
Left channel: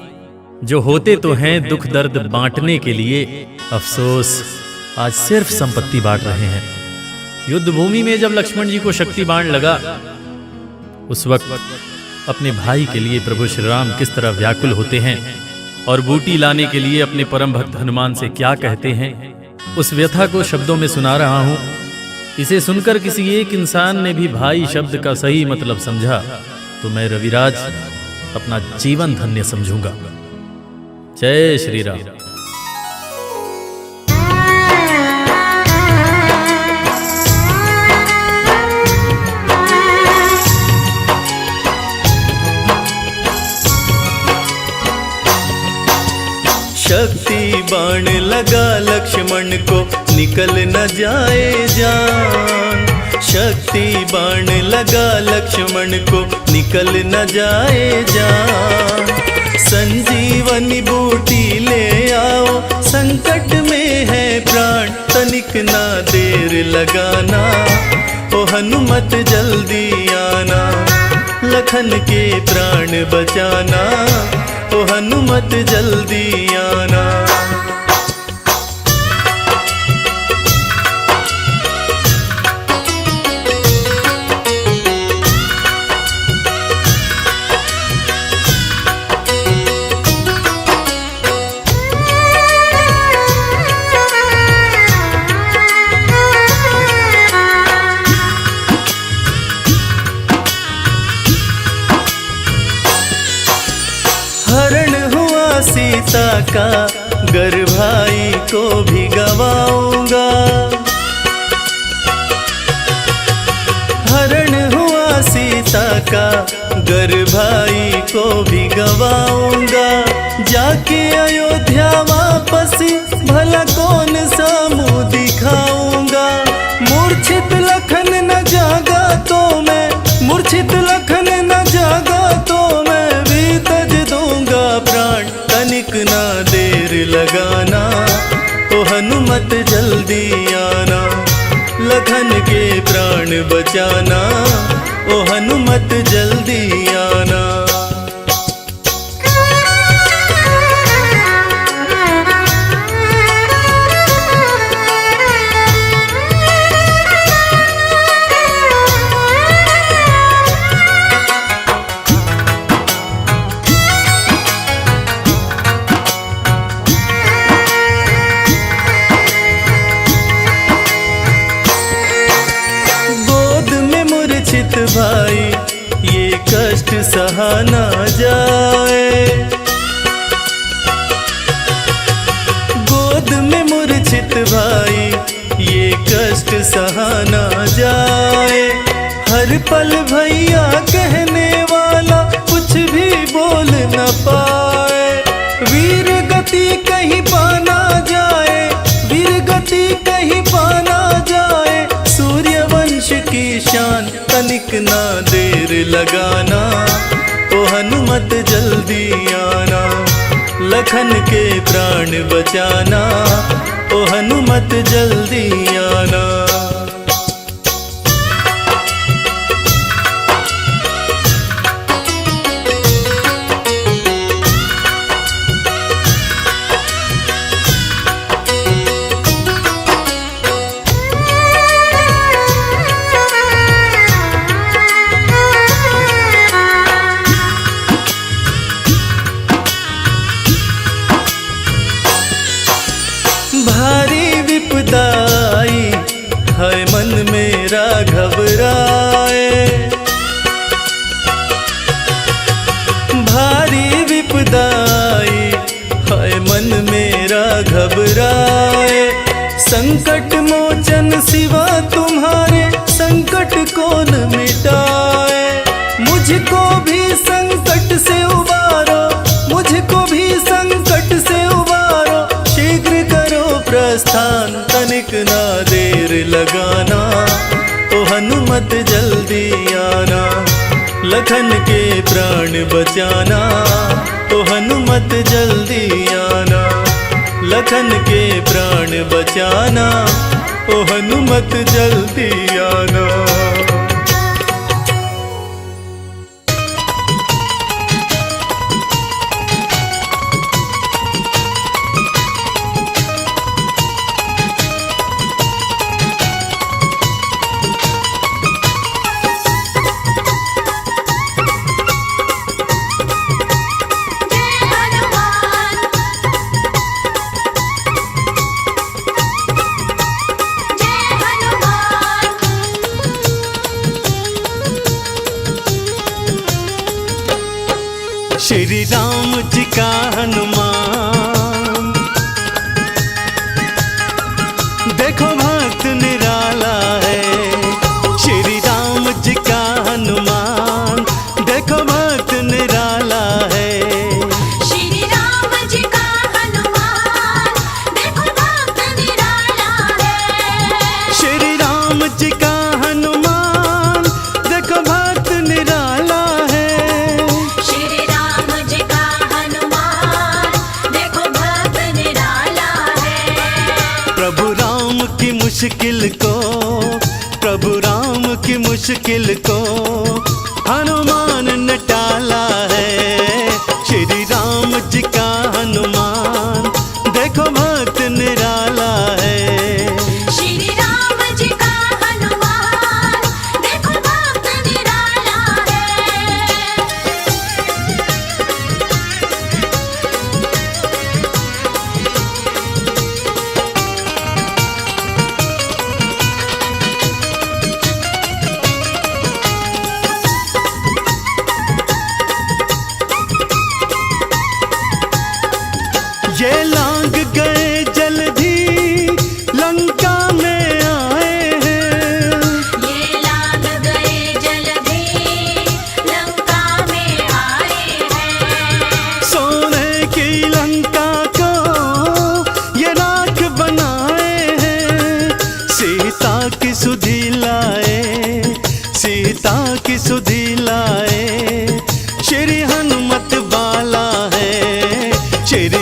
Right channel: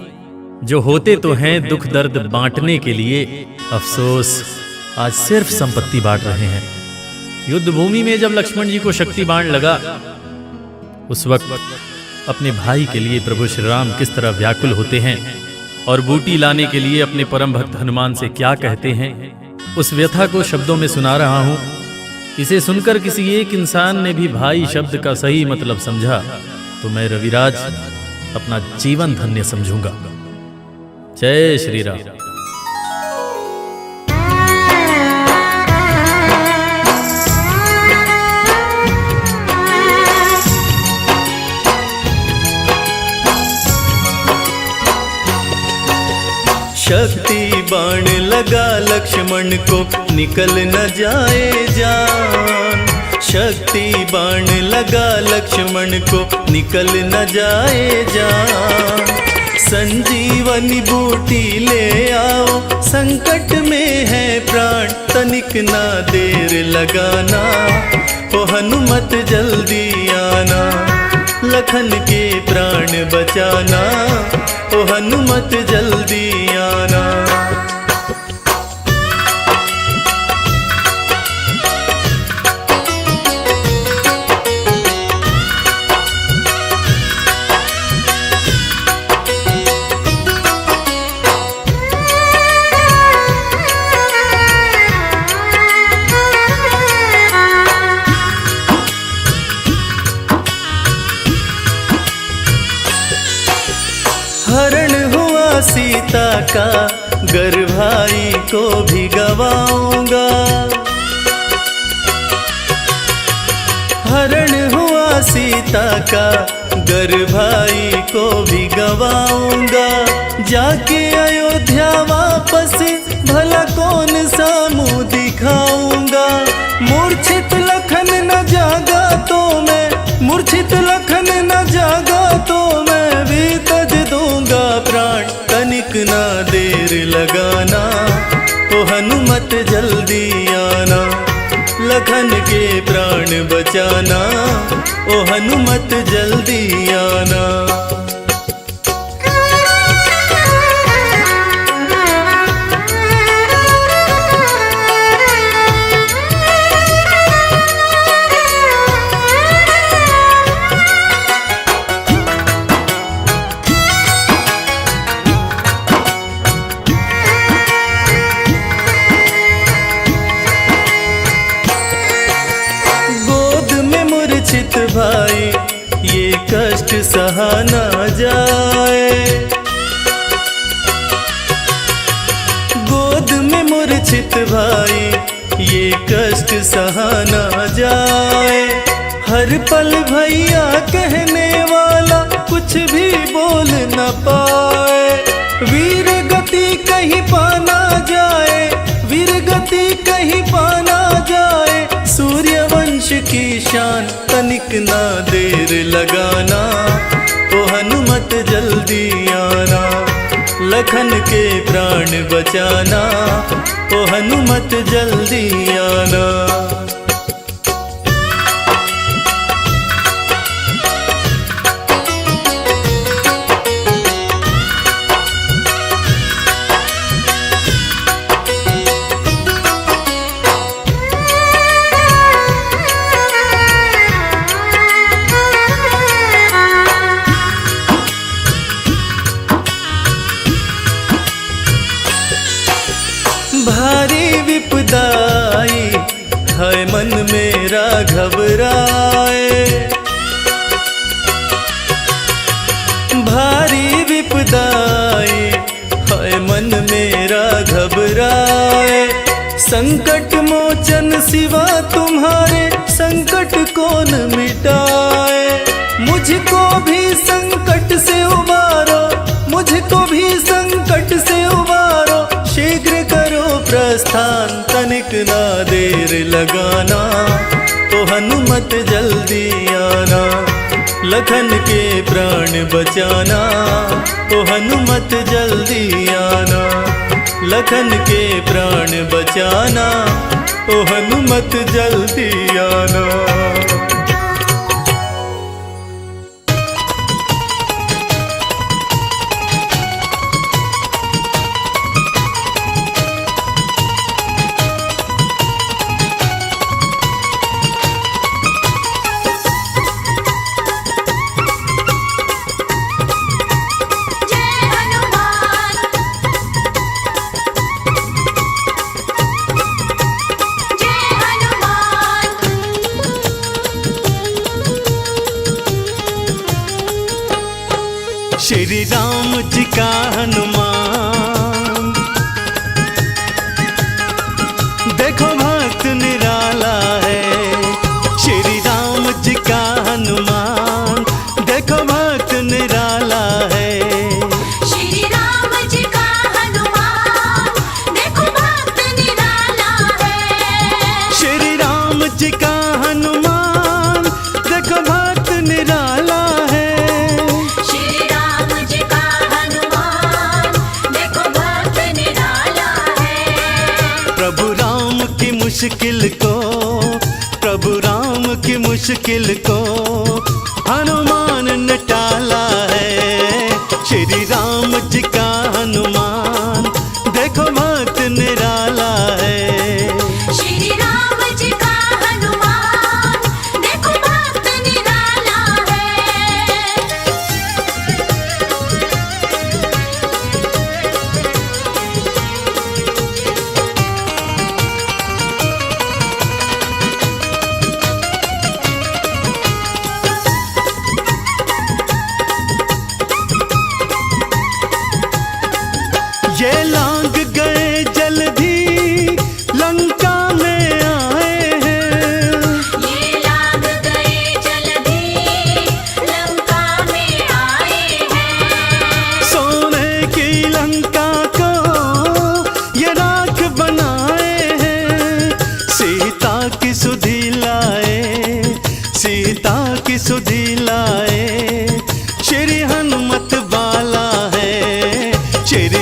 जो होते तो हैं दुख दर्द बांटने के लिए, अफसोस आज सिर्फ संपत्ति बांट रहे हैं। युद्ध भूमि में जब लक्ष्मण जी को शक्ति बाण लगा, उस वक्त अपने भाई के लिए प्रभु श्री राम किस तरह व्याकुल होते हैं और बूटी लाने के लिए अपने परम भक्त हनुमान से क्या कहते हैं, उस व्यथा को शब्दों में सुना रहा हूं। इसे सुनकर किसी एक इंसान ने भी भाई शब्द का सही मतलब समझा तो मैं रविराज अपना जीवन धन्य समझूंगा। जय श्री राम। शक्ति बाण लगा लक्ष्मण को निकल न जाए जान, शक्ति बाण लगा लक्ष्मण को निकल न जाए जान। संजीवनी बूटी ले आओ, संकट में है प्राण, तनिक ना देर लगाना, ओ हनुमत जल्दी आना, लखन के प्राण बचाना, ओ हनुमत जल्दी आना। हरण हुआ सीता का, गर भाई को भी गवाऊंगा। हरण हुआ सीता का, गर भाई को भी गवाऊंगा। जाके अयोध्या वापस भला कौन सा मुँह दिखाऊंगा। मूर्छित लखन न जागा तो मैं, मूर्छित लखन न जागा तो मैं भी तज दूंगा प्राण, तनिक ना देर लगाना, ओ हनुमत जल्दी आना, लखन के प्राण बचाना, ओ हनुमत जल्दी आना। मूर्छित भाई ये कष्ट सहा ना जाए, गोद में मूर्छित भाई ये कष्ट सहा ना जाए। हर पल भैया कहने वाला कुछ भी बोल न पाए, वीर गति कहीं पाना जाए, वीर गति कहीं पाना जाए। सूर्य वंश की शान तनिक ना देर लगाना, ओ हनुमत जल्दी आना, लखन के प्राण बचाना, ओ हनुमत जल्दी आना। भारी विपदाई है मन मेरा घबराए, भारी विपदाई है मन मेरा घबराए। संकट मोचन सिवा तुम्हारे संकट कौन मिटाए, मुझको भी संकट से उबारो, मुझको भी संकट से उबारो। शीघ्र करो प्रस्थान तनिक ना देर लगाना, ओ हनुमत जल्दी आना, लखन के प्राण बचाना, ओ हनुमत जल्दी आना, लखन के प्राण बचाना, ओ हनुमत जल्दी आना। श्री राम जी का हनुमान, देखो भक्त निराला है। श्री राम जी का हनुमान, देखो भक्त निराला है। श्री राम जी का हनुमान, देखो भक्त निराला है। श्री राम जी का हनुमान, देखो भक्त निराला है। प्रभु राम की मुश्किल को, प्रभु राम की मुश्किल को हनुमान ने टाला है। श्री राम जी का हनुमान, देखो भक्त निराला है। श्री राम जी का हनुमान, देखो भक्त निराला है। ये लांग गए जल्दी लंका में आए हैं, ये लांग गए जल्दी लंका में आए हैं। सोने की लंका को ये राख बनाए हैं। सीता की सुधि लाए, सीता की सुधि लाए। श्री हनुमत बाला है, श्री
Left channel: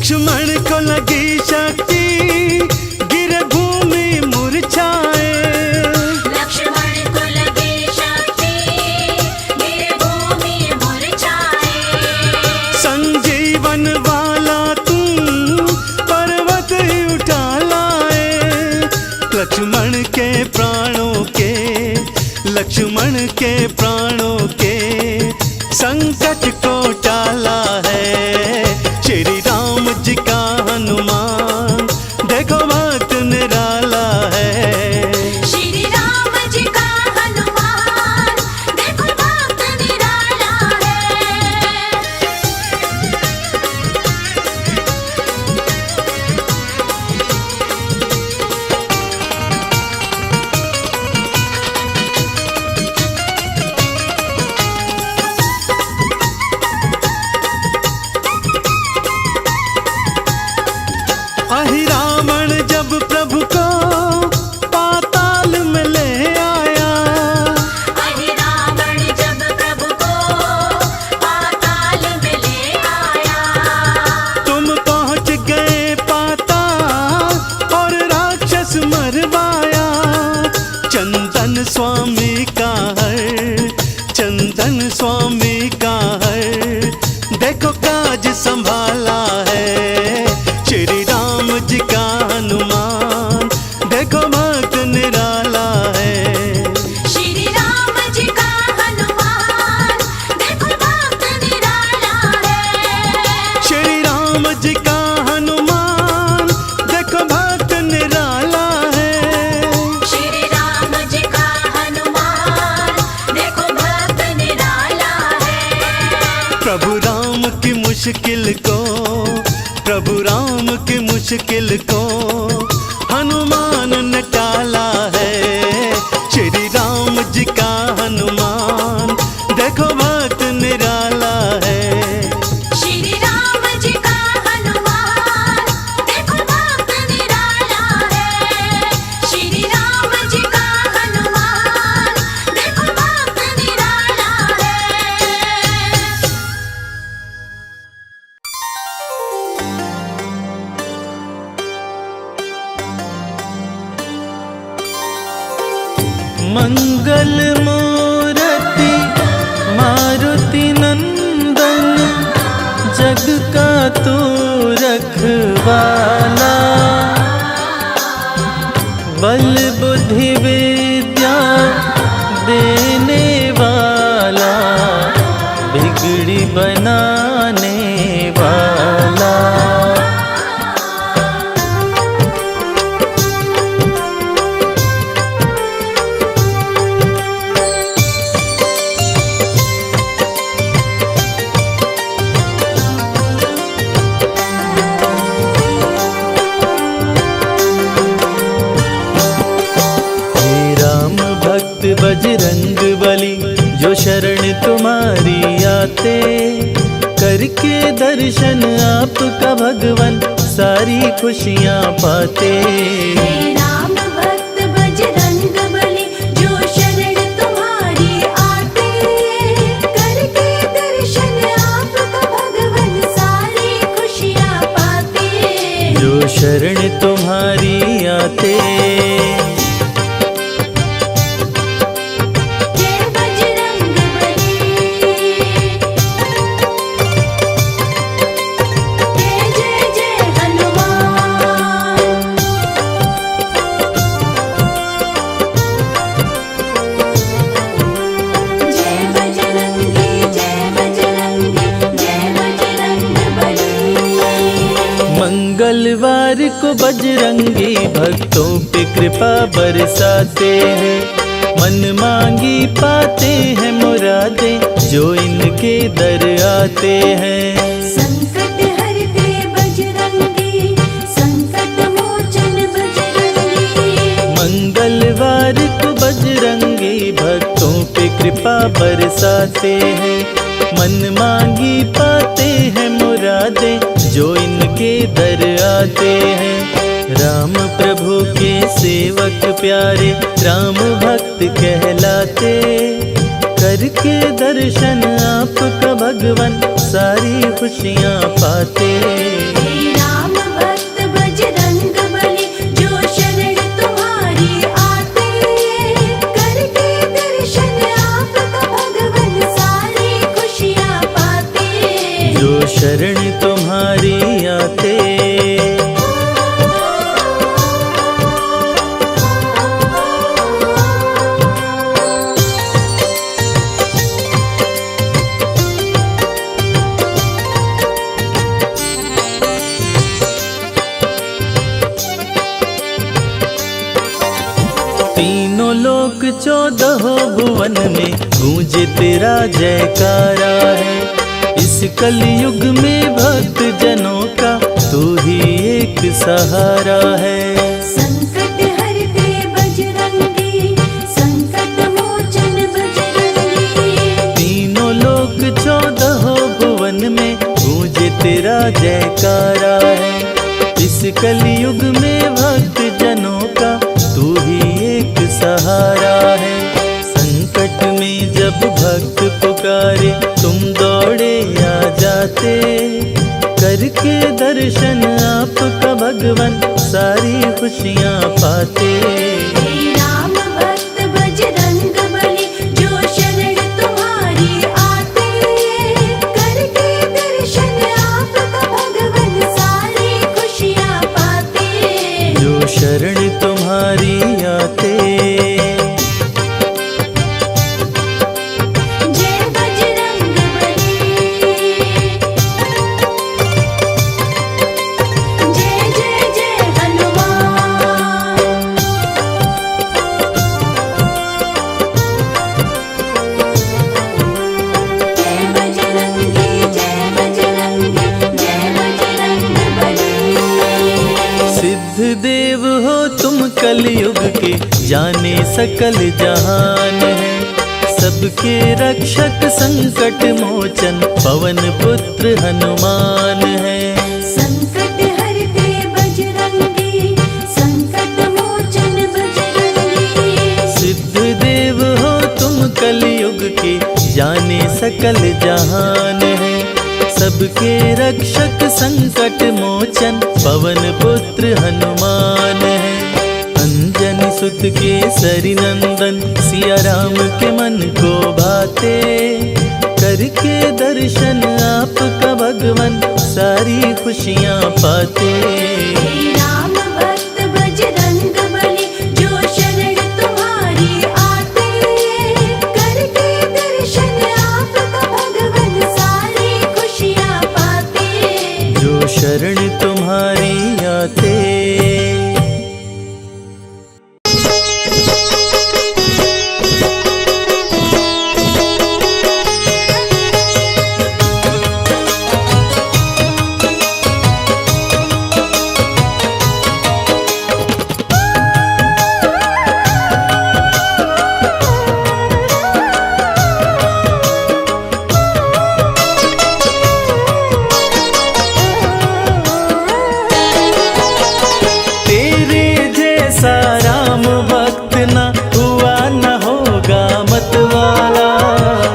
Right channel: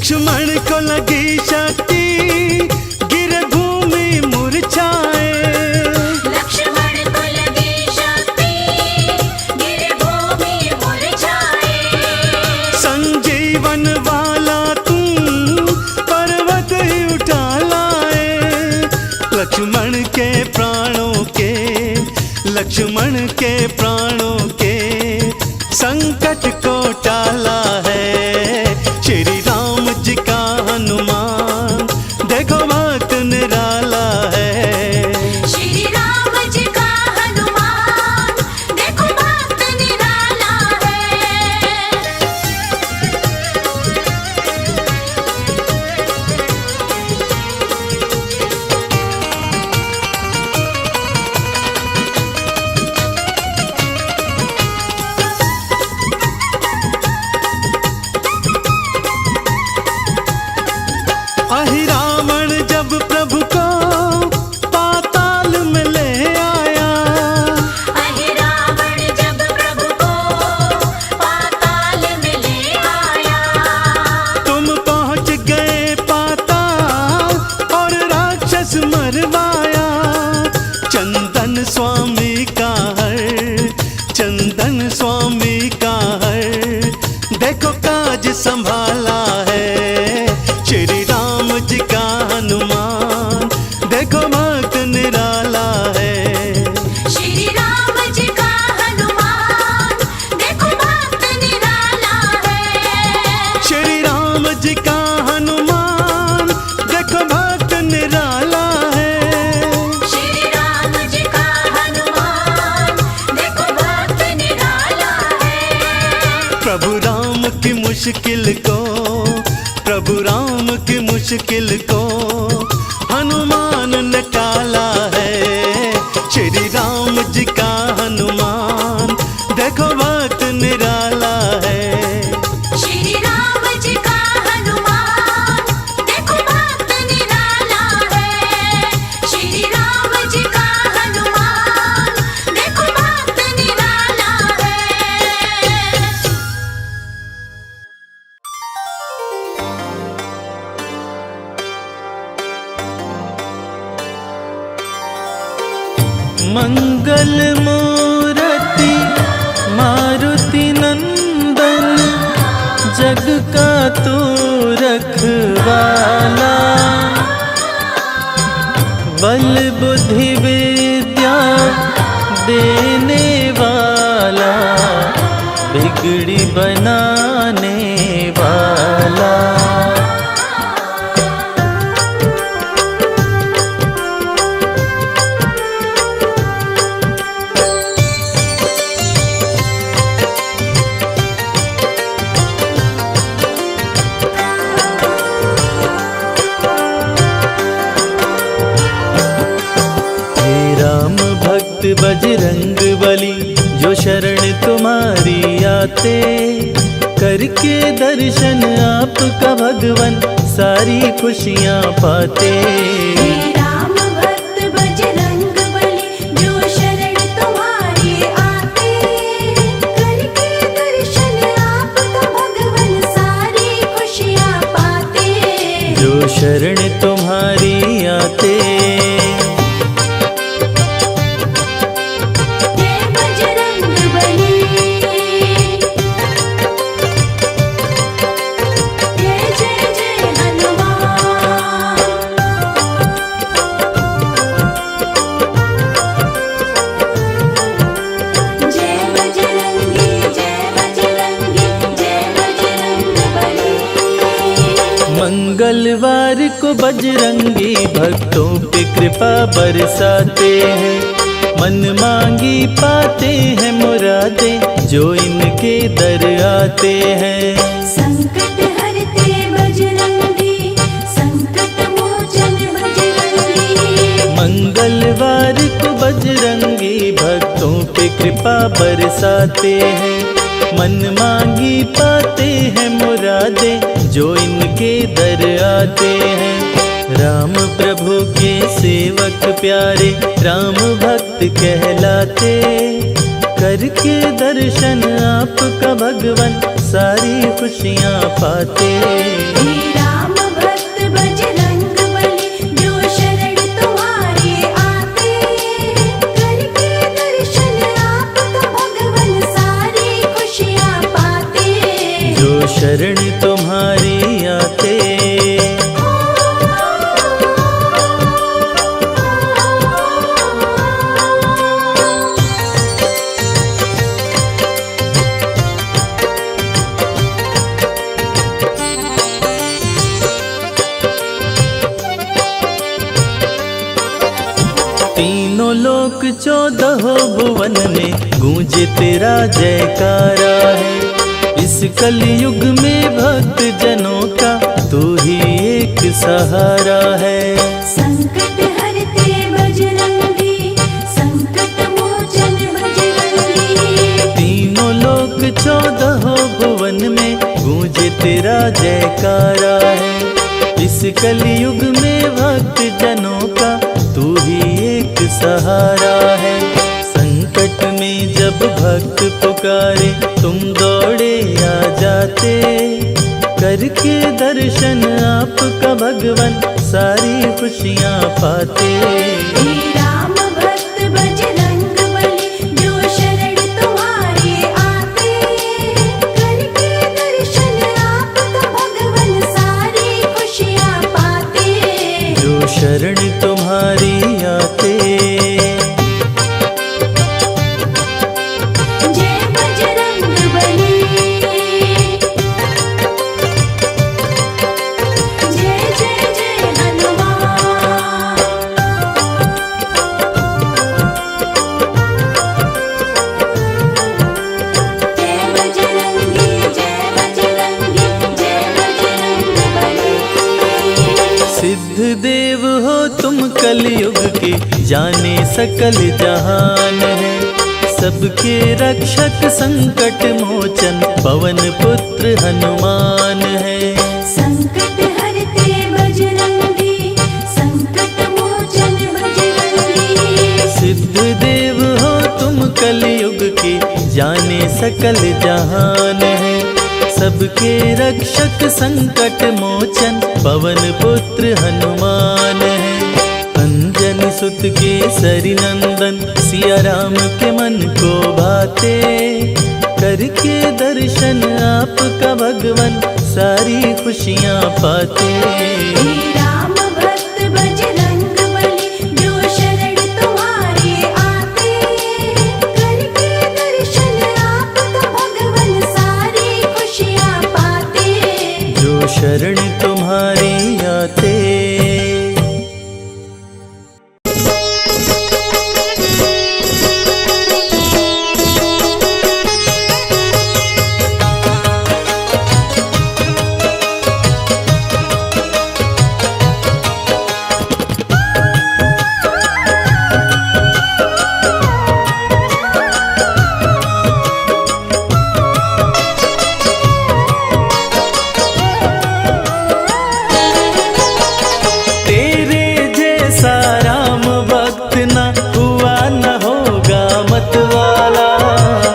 लक्ष्मण को लगी शक्ति, गिर भूमि मुरझाए। लक्ष्मण को लगी शक्ति, गिर भूमि मुरझाए। संजीवन वाला तुम पर्वत ही उठा लाए। लक्ष्मण के प्राणों के, लक्ष्मण के प्राणों के संकट को टाला है श्री राम जी का हनुमान। देखो भक्त निराला है श्री राम जी का हनुमान, देखो भक्त निराला है। अहि रावण जब प्रभु को पाताल में ले आया। अहि रावण जब प्रभु को पाताल में ले आया। तुम पहुंच गए पाताल और राक्षस मरवाया। चंदन स्वामी का हर, चंदन स्वामी का हर, देखो काज संभाला है श्री राम जी का हनुमान। देखो भक्त निराला है श्री राम जी का हनुमान, देखो भक्त निराला है। श्री राम जी का हनुमान, देखो भक्त निराला है। श्री राम जी का हनुमान, देखो भक्त निराला है। प्रभु राम की मुश्किल को, प्रभु राम की मुश्किल को हनुमान ने टाला है श्री राम जी का हनुमान। देखो भक्त निराला है श्री राम जी का हनुमान, देखो भक्त निराला है। श्री राम जी का हनुमान, देखो भक्त निराला है। मंगल मूर्ति मारुति नंदन, जग का तू रखवाला। बल बुद्धि विद्या देने वाला, बिगड़ी बनाने वाला। भक्त बजरंग बली, जो शरण तुम्हारी आते, करके दर्शन आपका भगवन सारी खुशियाँ पाते। राम भक्त बजरंग बली, जो शरण तुम्हारी आते, करके दर्शन आपका भगवन सारी खुशियाँ पाते। जो शरण तुम्हारी आते। मंगलवार को बजरंगी भक्तों पे कृपा बरसाते हैं। मन मांगी पाते हैं मुरादे, जो इनके दर आते हैं। संकट हरते बजरंगी, संकट मोचन बजरंगी। मंगलवार को बजरंगी भक्तों पे कृपा बरसाते हैं। मन मांगी पाते हैं मुरादे, जो इनके दर आते हैं। राम प्रभु के सेवक प्यारे, राम भक्त कहलाते, करके दर्शन आपका भगवन सारी खुशियाँ पाते। जो शरण तुम्हारी आते। तीनों लोक 14 भुवन में गूंजे तेरा जयकारा है। इस कलयुग में भक्त जनों का तू ही एक सहारा है। संकट हरते बजरंगी, संकट मोचन बजरंगी। तीनों लोक 14 भुवन में गूंजे तेरा जयकारा है। इस कलयुग में भक्त जनों का तू ही एक सहारा है। संकट में जब भक्त पुकारे तुम दौड़े आ जाते। करके दर्शन आपका भगवन सारी खुशियाँ पाते। राम भक्त बजरंग बली, जो शरण तुम्हारी आते। करके दर्शन आपका भगवन सारी खुशियाँ पाते। जो शरण तुम्हारी आते। जय बजरंग बली, जय जय जय हनुमान। जय बजरंगी, जय बजरंगी, जय बजरंग बली। सिद्ध देव हो तुम कलयुग के, जाने सकल जहान है। सबके रक्षक संकट मोचन पवन पुत्र हनुमान है। संकट हरते बजरंगी, संकट मोचन बजरंगी। सिद्ध देव हो तुम कलयुग के, जाने सकल जहान है। सबके रक्षक संकट मोचन पवन पुत्र हनुमान है। अंजनी सुत के सरी नंदन सिया राम के मन को भाते। करके दर्शन आपका भगवन सारी खुशियाँ पाते। राम भक्त बजरंग बली, जो शरण तुम्हारी आते। करके दर्शन आपका भगवन सारी खुशियाँ पाते। जो शरण तुम्हारी आते। राम भक्त न हुआ न होगा मतवाला।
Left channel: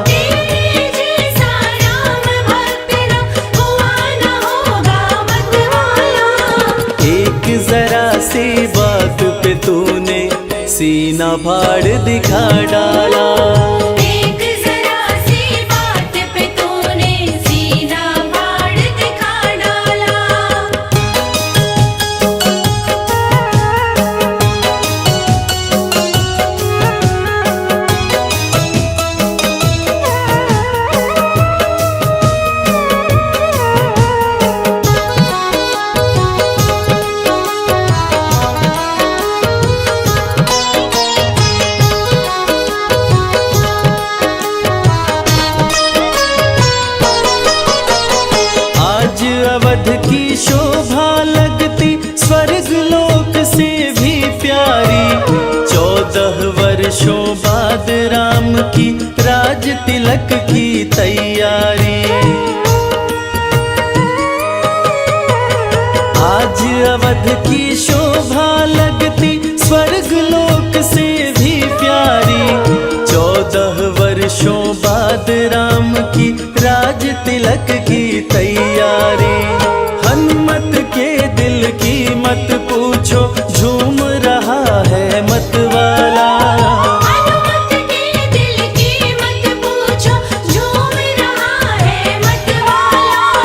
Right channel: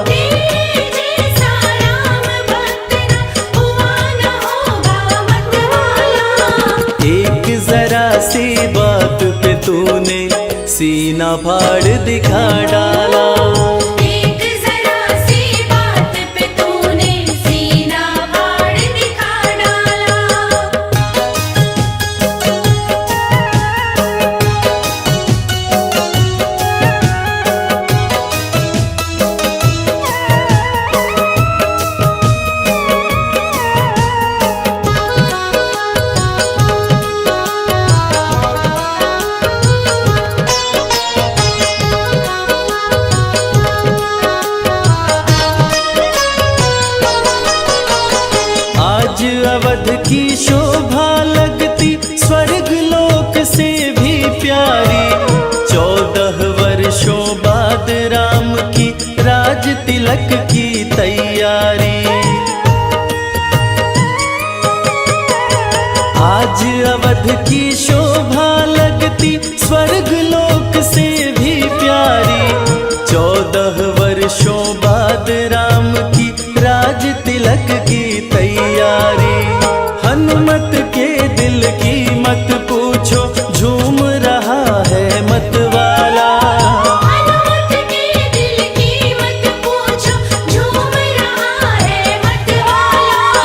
तेरे जैसा राम भक्त न हुआ न होगा मतवाला। एक जरा सी बात पे तूने सीना फाड़ दिखा डाला। एक जरा सी बात पे तूने सीना फाड़ दिखा डाला। आज अवध की शोभा लगती स्वर्ग लोक से भी प्यारी। 14 वर्षों बाद राम की राज तिलक की तैयारी। आज अवध की शोभा लगती स्वर्ग लोक से भी प्यारी। 14 वर्षों बाद राम की राज तिलक की तैयारी। हनुमत के दिल की मत पूछो, झूम रहा है मतवाला। हनुमत के दिल की मत पूछो, झूम रहा है मतवाला।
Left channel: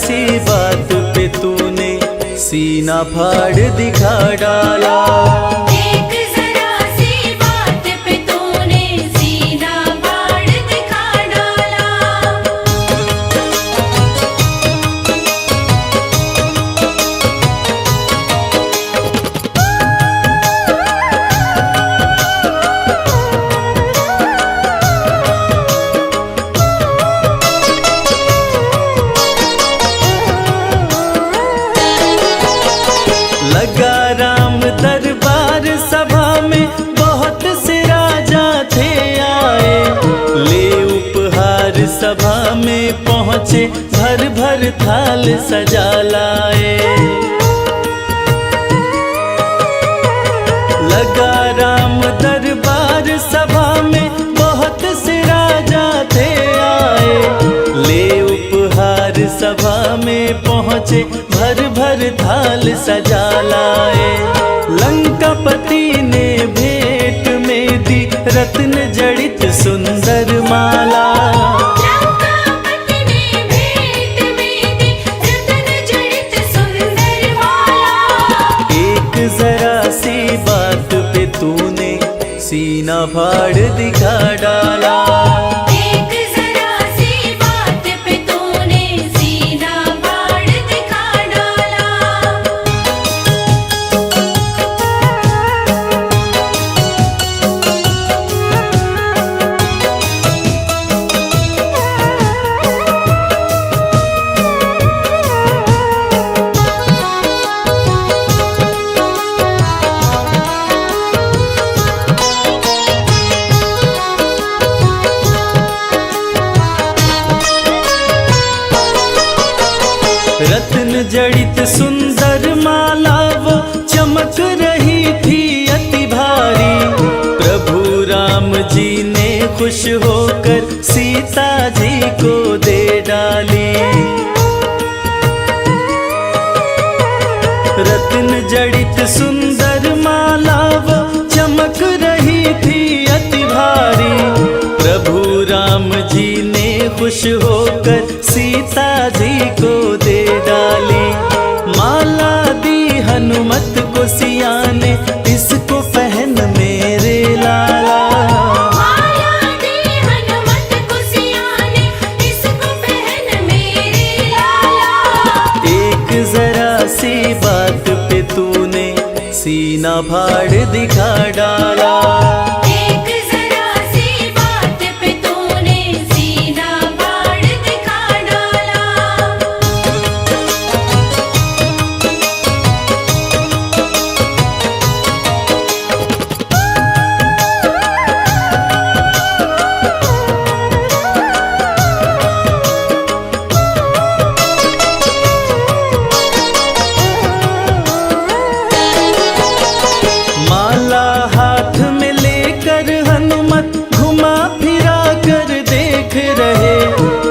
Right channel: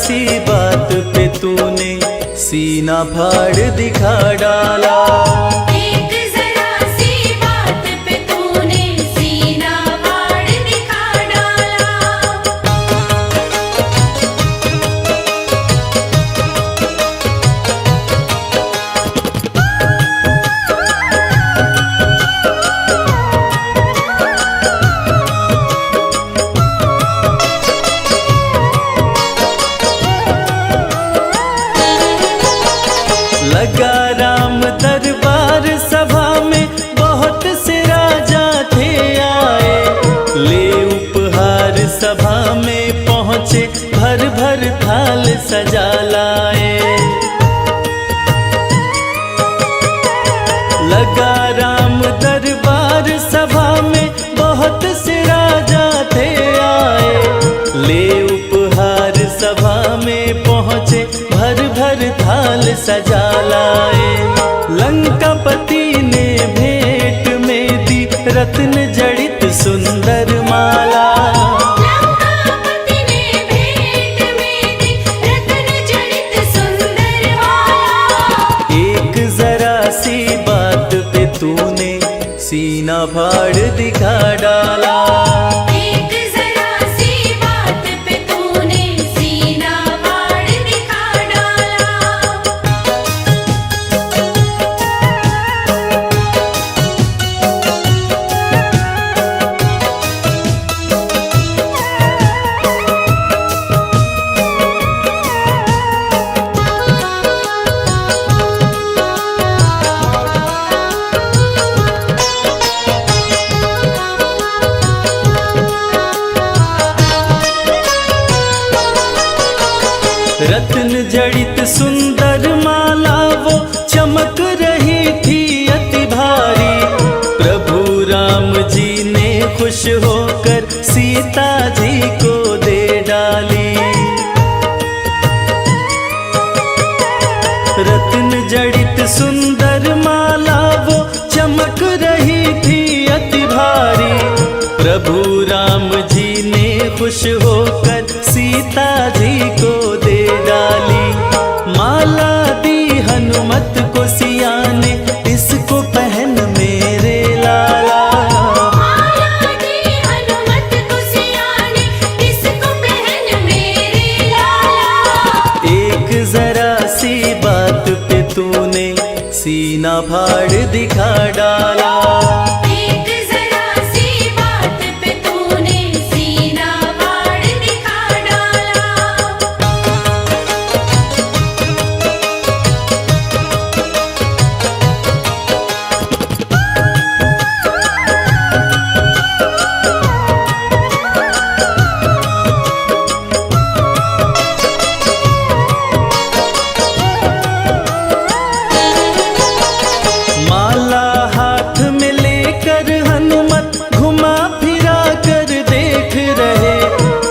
सी बात पे तूने सीना फाड़ दिखा डाला। एक जरा सी बात पे तूने सीना फाड़ दिखा डाला। लगा राम दरबार सभा में बहुत से राजा थे आए, ले उपहार सभा में पहुँचे भर भर थाल सजा लाए। लगा राम दरबार सभा में बहुत से राजा थे आए, ले उपहार सभा में पहुँचे भर भर थाल सजा लाए। लंकापति ने भेंट में दी रत्न जड़ित सुंदर माला। लंकापति ने भेंट में दी रत्न जड़ित सुंदर माला। एक जरा सी बात पे तूने सीना फाड़ दिखा डाला। एक जरा सी बात पे तूने सीना फाड़ दिखा डाला। रत्न जड़ित सुंदर माला वो चमक रही थी अति भारी। प्रभु राम जी ने खुश होकर सीता जी को दे डाली। रत्न जड़ित सुंदर माला वो चमक रही थी अति भारी। प्रभु राम जी ने खुश होकर सीता जी को दे डाली। माला दी हनुमत को सिया ने, इसको पहन मेरे लाला। माला दी हनुमत को सिया ने, इसको पहन मेरे लाला। एक जरा सी बात पे तूने सीना फाड़ दिखा डाला। एक जरा सी बात पे तूने सीना फाड़ दिखा डाला। माला हाथ में लेकर हनुमत घुमा फिरा कर देख रहे।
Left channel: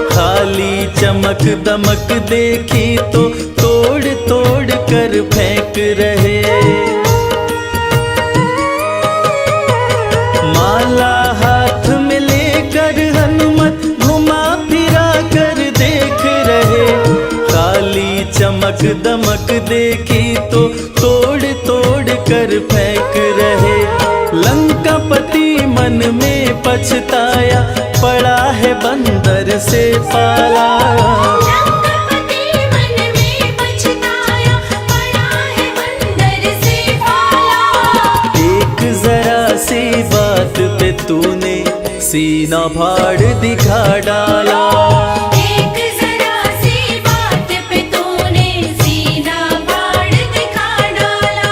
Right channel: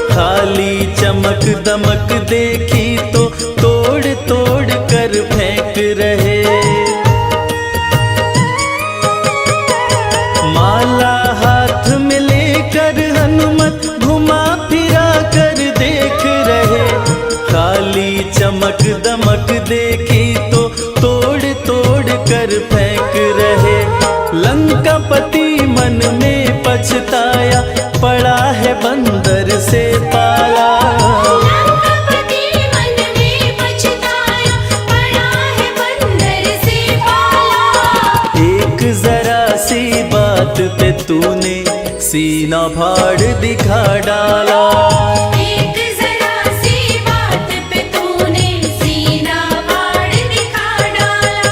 खाली चमक दमक देखी तो तोड़ तोड़ कर फेंक रहे। माला हाथ में लेकर हनुमत घुमा फिरा कर देख रहे। खाली चमक दमक देखी तो तोड़ तोड़ कर फेंक रहे। लंकापति मन में पछताया, पड़ा है बंदर से पाला। लंकापति मन में पछताया, पड़ा है बंदर से पाला। एक जरा सी बात पे तूने सीना फाड़ दिखा डाला। एक जरा सी बात पे तूने सीना फाड़ दिखा डाला।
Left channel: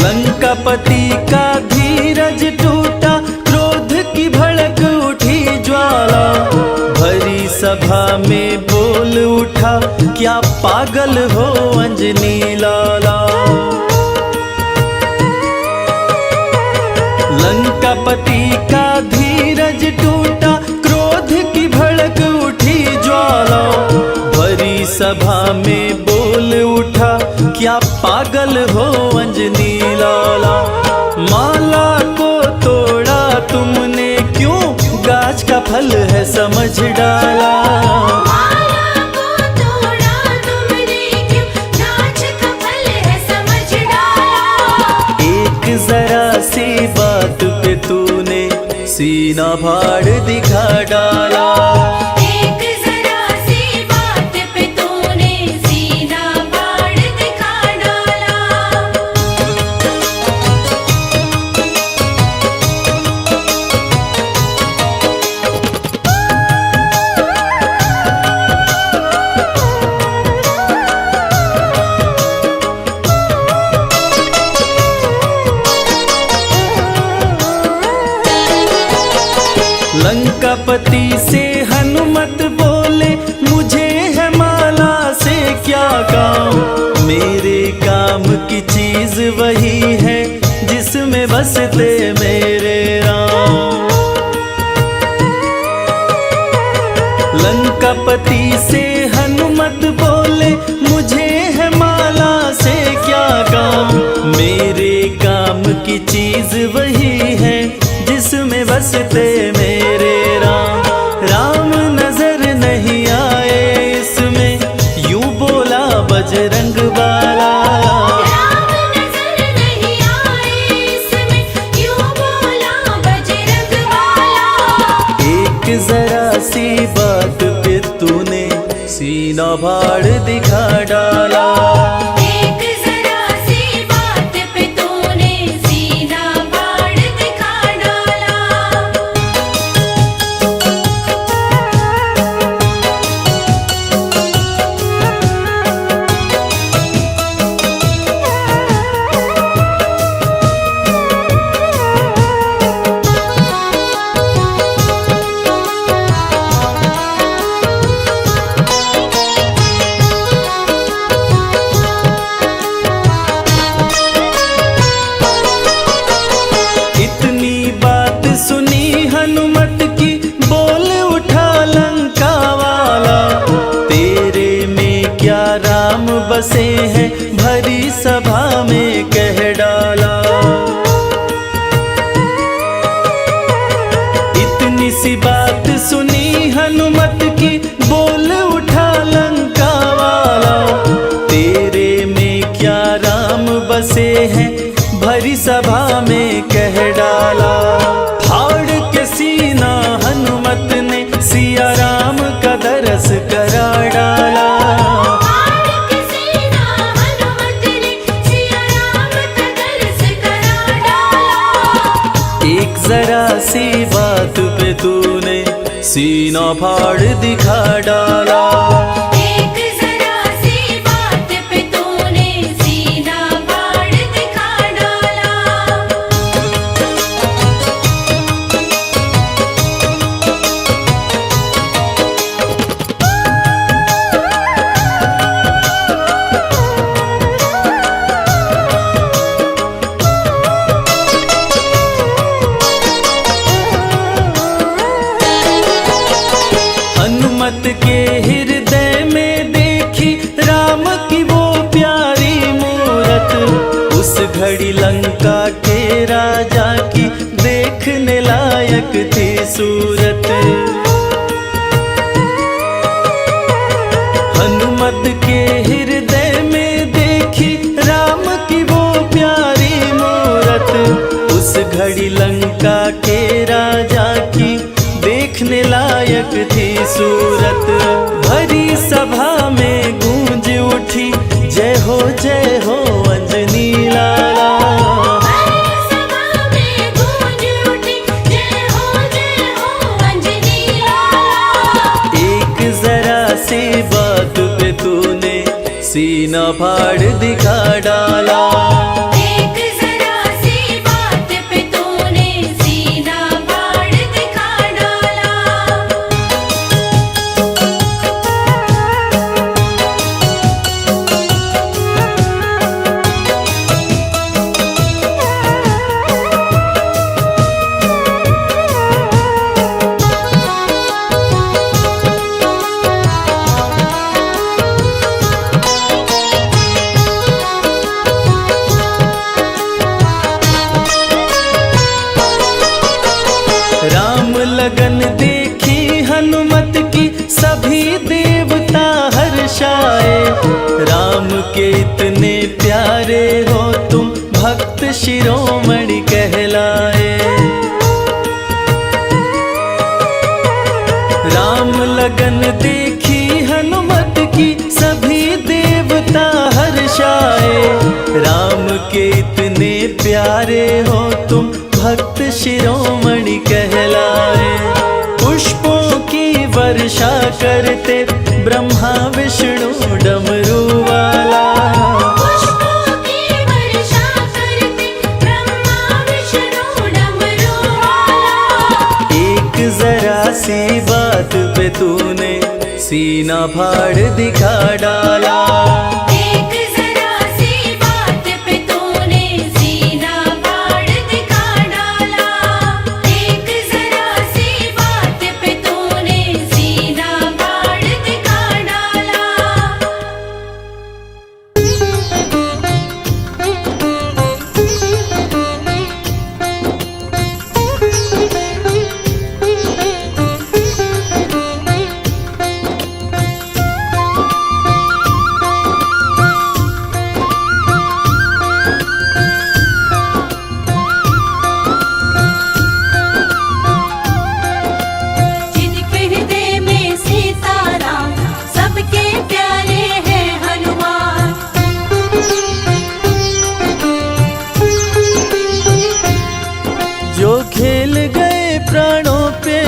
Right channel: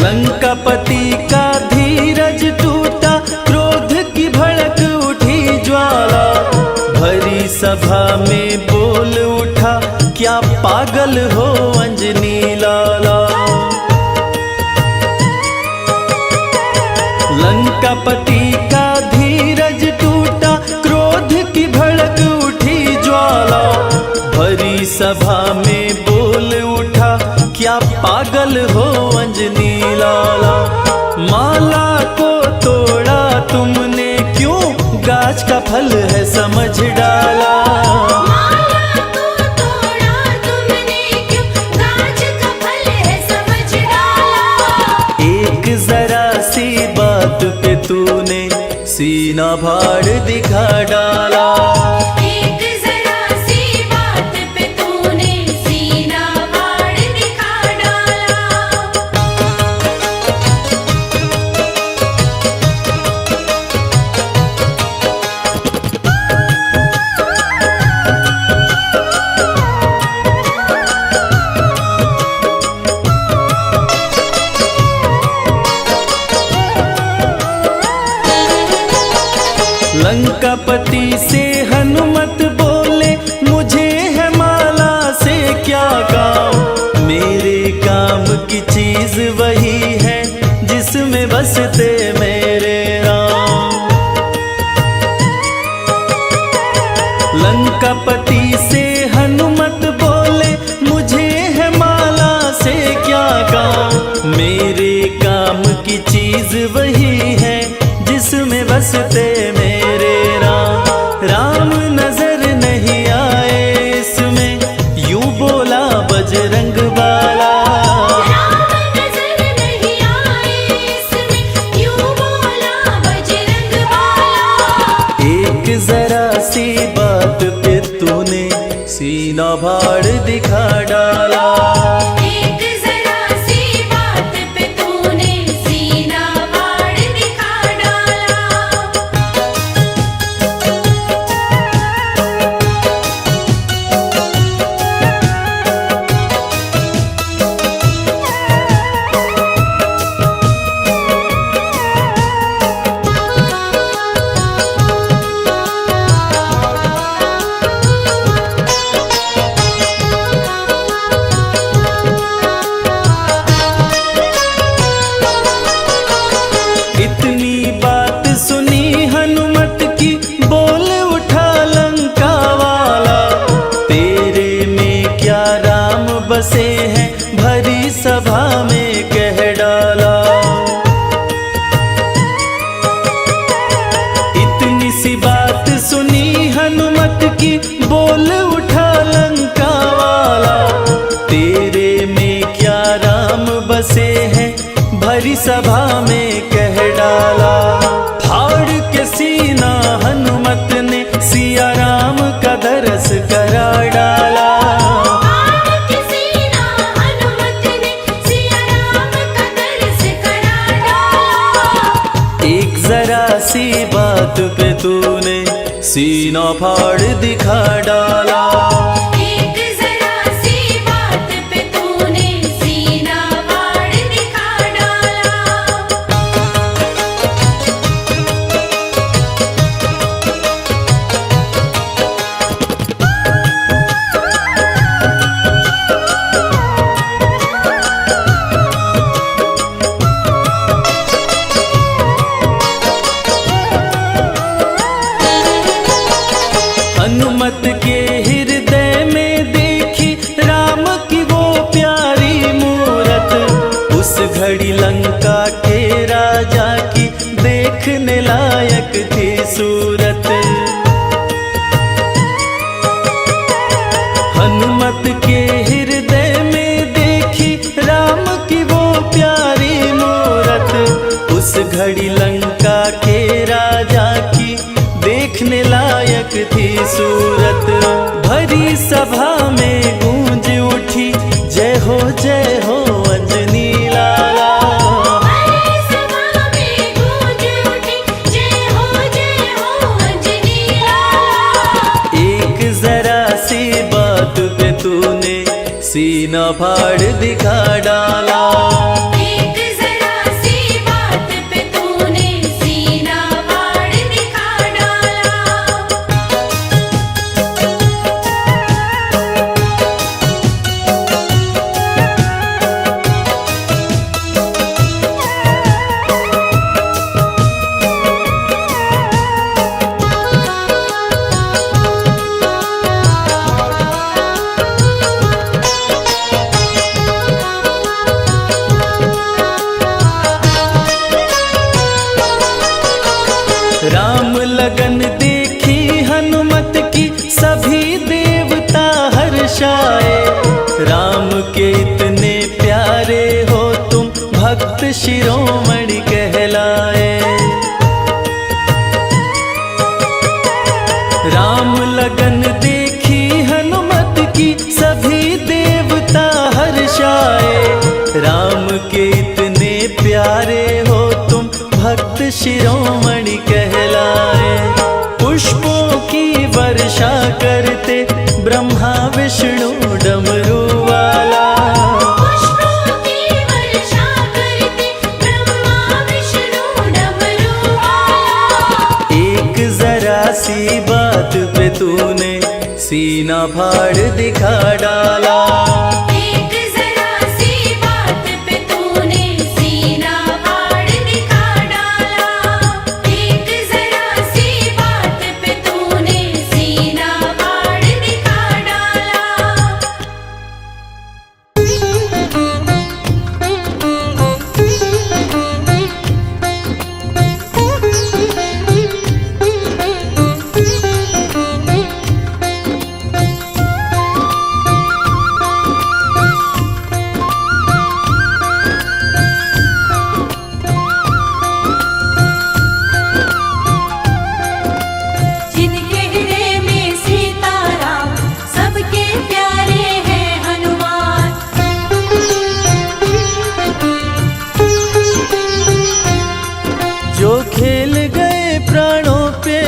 लंकापति का धीरज टूटा, क्रोध की भड़क उठी ज्वाला। डाला। भरी सभा में बोल उठा, क्या पागल हो अंजनी लाला। लंकापति का धीरज टूटा, क्रोध की भड़क उठी ज्वाला। भरी सभा में बोल उठा, क्या पागल हो अंजनी लाला। माला को तोड़ा तुमने क्यों, गाछ का फल है समझ डाला। माला को तोड़ा तुमने क्यों, गाछ का फल है समझ डाला। एक जरा सी बात पे तूने सीना फाड़ दिखा डाला। एक जरा सी बात पे तूने सीना फाड़ दिखा डाला। लंकापति से हनुमत बोले, मुझे है माला से क्या काम। मेरे काम की चीज वही है, जिसमें बसते मेरे राम। लंकापति से हनुमत बोले, मुझे है माला से क्या काम। मेरे काम की चीज वही है, जिसमें बसते मेरे राम। राम नजर नहीं आए इसमें, यूं बोला बजरंग बाला। राम नजर नहीं आए इसमें, यूं बोला बजरंग बाला। एक जरा सी बात पे तूने सीना फाड़ दिखा डाला। एक जरा सी बात पे तूने सीना फाड़ दिखा डाला। इतनी बात सुनी हनुमत की, बोल उठा लंका वाला। तेरे में क्या राम बसे हैं, भरी सभा में कह डाला। इतनी सी बात सुनी हनुमत की, बोल उठा लंका वाला। तेरे में क्या राम बसे हैं, भरी सभा में कह डाला। फाड़ के सीना हनुमत ने सिया राम का दरस करा डाला। फाड़ के सीना हनुमत ने सिया राम का दरस करा डाला। एक जरा सी बात पे तूने सीना फाड़ दिखा डाला। एक जरा सी बात पे तूने सीना फाड़ दिखा डाला। हनुमत के हृदय में देखी राम की वो प्यारी मूरत। उस घड़ी लंका के राजा की देखने लायक थी सूरत। हनुमत के हृदय में देखी राम की वो प्यारी मूरत। उस घड़ी लंका के राजा की देखने लायक थी सूरत। भरी सभा में गूंज उठी, जय हो अंजनी लाला। भरी सभा में गूंज उठी, जय हो अंजनी लाला। एक जरा सी बात पे तूने सीना फाड़ दिखा डाला। एक जरा सी बात पे तूने सीना फाड़ दिखा डाला। सभी देवता हर्षाए। राम के इतने प्यारे हो तुम, भक्त शिरोमणि कहलाए। राम लगन देखी हनुमत की, सभी देवता हर्षाए। राम के इतने प्यारे हो तुम, भक्त शिरोमणि कहलाए। पुष्पों की वर्षा करते ब्रह्मा विष्णु डमरू वाला। पुष्पों की वर्षा करते ब्रह्मा विष्णु डमरू वाला। एक जरा सी बात पे तूने सीना फाड़ दिखा डाला। एक जरा सी बात पे तूने सीना फाड़ दिखा डाला। एक जरा सी बात पे तूने सीना फाड़ दिखा डाला। जिनके हृदय में सीताराम, सबके प्यारे हैं हनुमान। जो खेल गए प्राणों पे,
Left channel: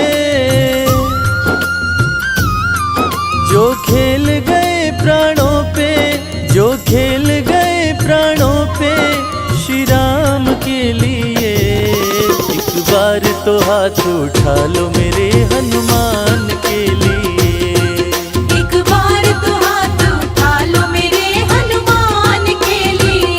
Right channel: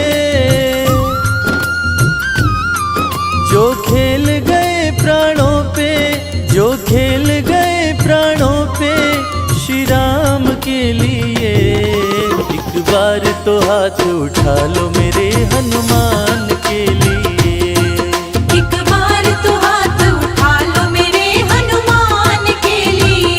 जो खेल गए प्राणों पे, जो खेल गए प्राणों पे श्री राम के लिए। एक बार तो हाथ उठा लो मेरे हनुमान के लिए। एक बार तो हाथ उठा लो मेरे हनुमान के लिए।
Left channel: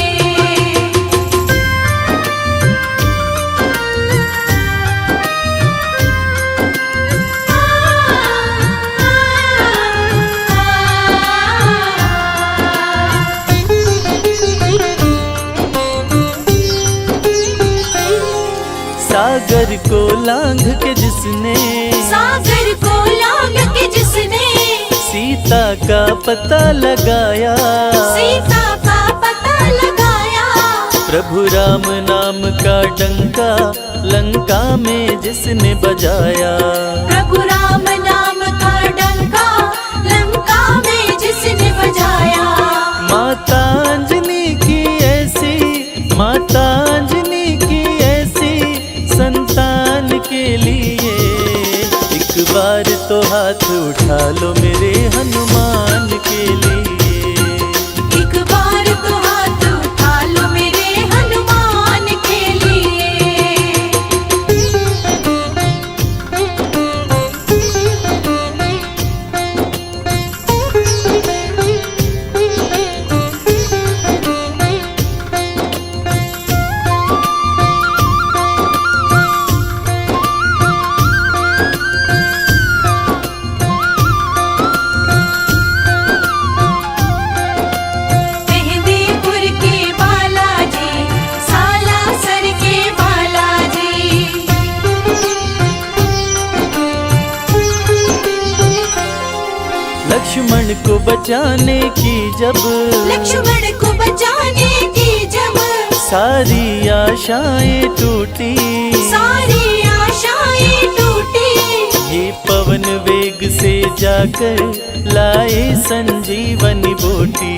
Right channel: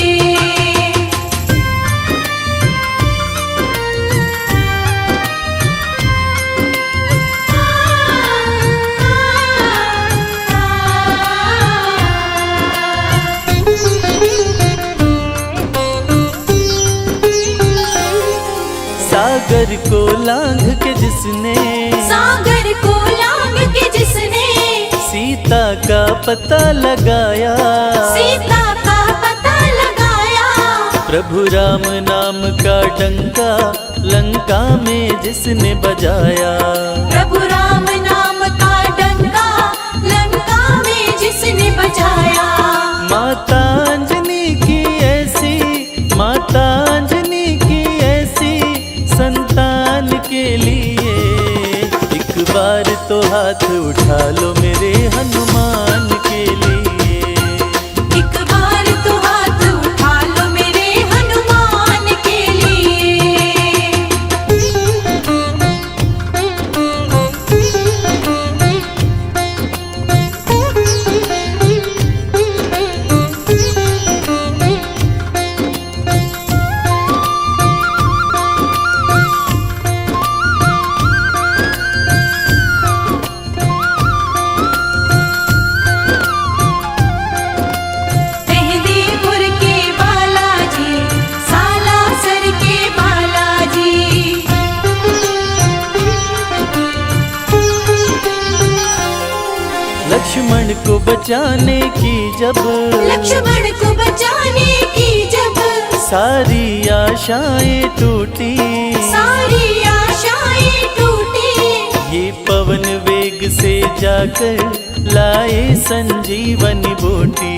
सागर को लांघ के जिसने, सागर को लांघ के जिसने सीता का पता लगाया। सीता का पता लगाया। प्रभु राम नाम का डंका लंका में जिसने बजाया। प्रभु राम नाम का डंका लंका में जिसने बजाया। माता अंजनी की ऐसी, माता अंजनी की ऐसी संतान के लिए। एक बार तो हाथ उठा लो मेरे हनुमान के लिए। एक बार तो हाथ उठा लो मेरे हनुमान के लिए। मेहंदीपुर के बालाजी, सालासर के बालाजी। लक्ष्मण को बचाने की जब, लक्ष्मण को बचाने की जब सारी आशाएं टूटी। सारी आशाएं टूटी। ये पवन वेग से जाकर लाए संजीवनी बूटी।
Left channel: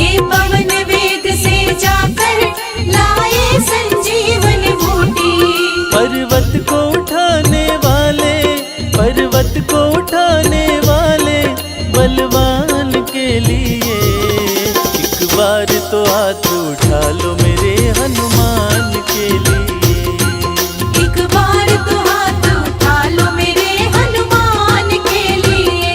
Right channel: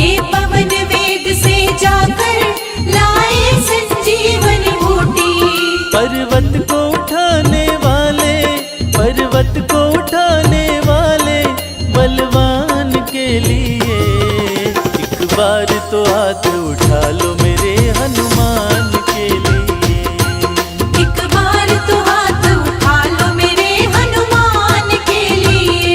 ये पवन वेग से जाकर लाए संजीवनी बूटी। पर्वत को उठाने वाले, पर्वत को उठाने वाले बलवान के लिए। एक बार तो हाथ उठा लो मेरे हनुमान के लिए। एक बार तो हाथ उठा लो मेरे हनुमान के लिए।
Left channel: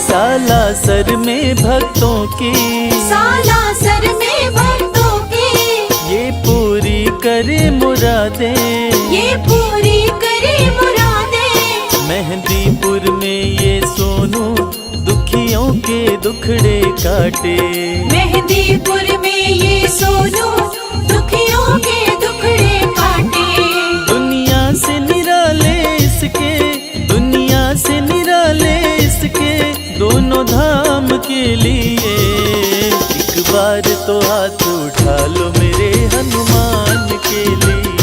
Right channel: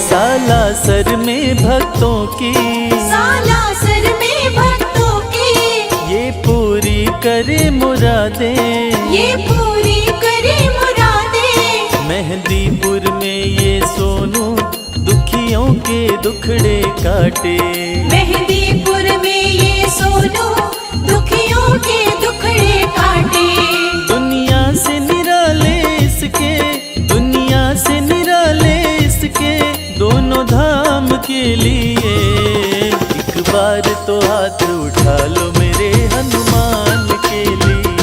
सालासर में भक्तों की, सालासर में भक्तों की ये पूरी करे मुरादें। ये पूरी करे मुरादें। मेहंदीपुर में ये सोनू दुखियों के दुखड़े काटे। मेहंदीपुर में ये सोनू दुखियों के दुखड़े काटे। दुनिया से निराले इसके, दुनिया से निराले इसके दोनों धाम के लिए। एक बार तो हाथ उठा लो मेरे हनुमान के लिए।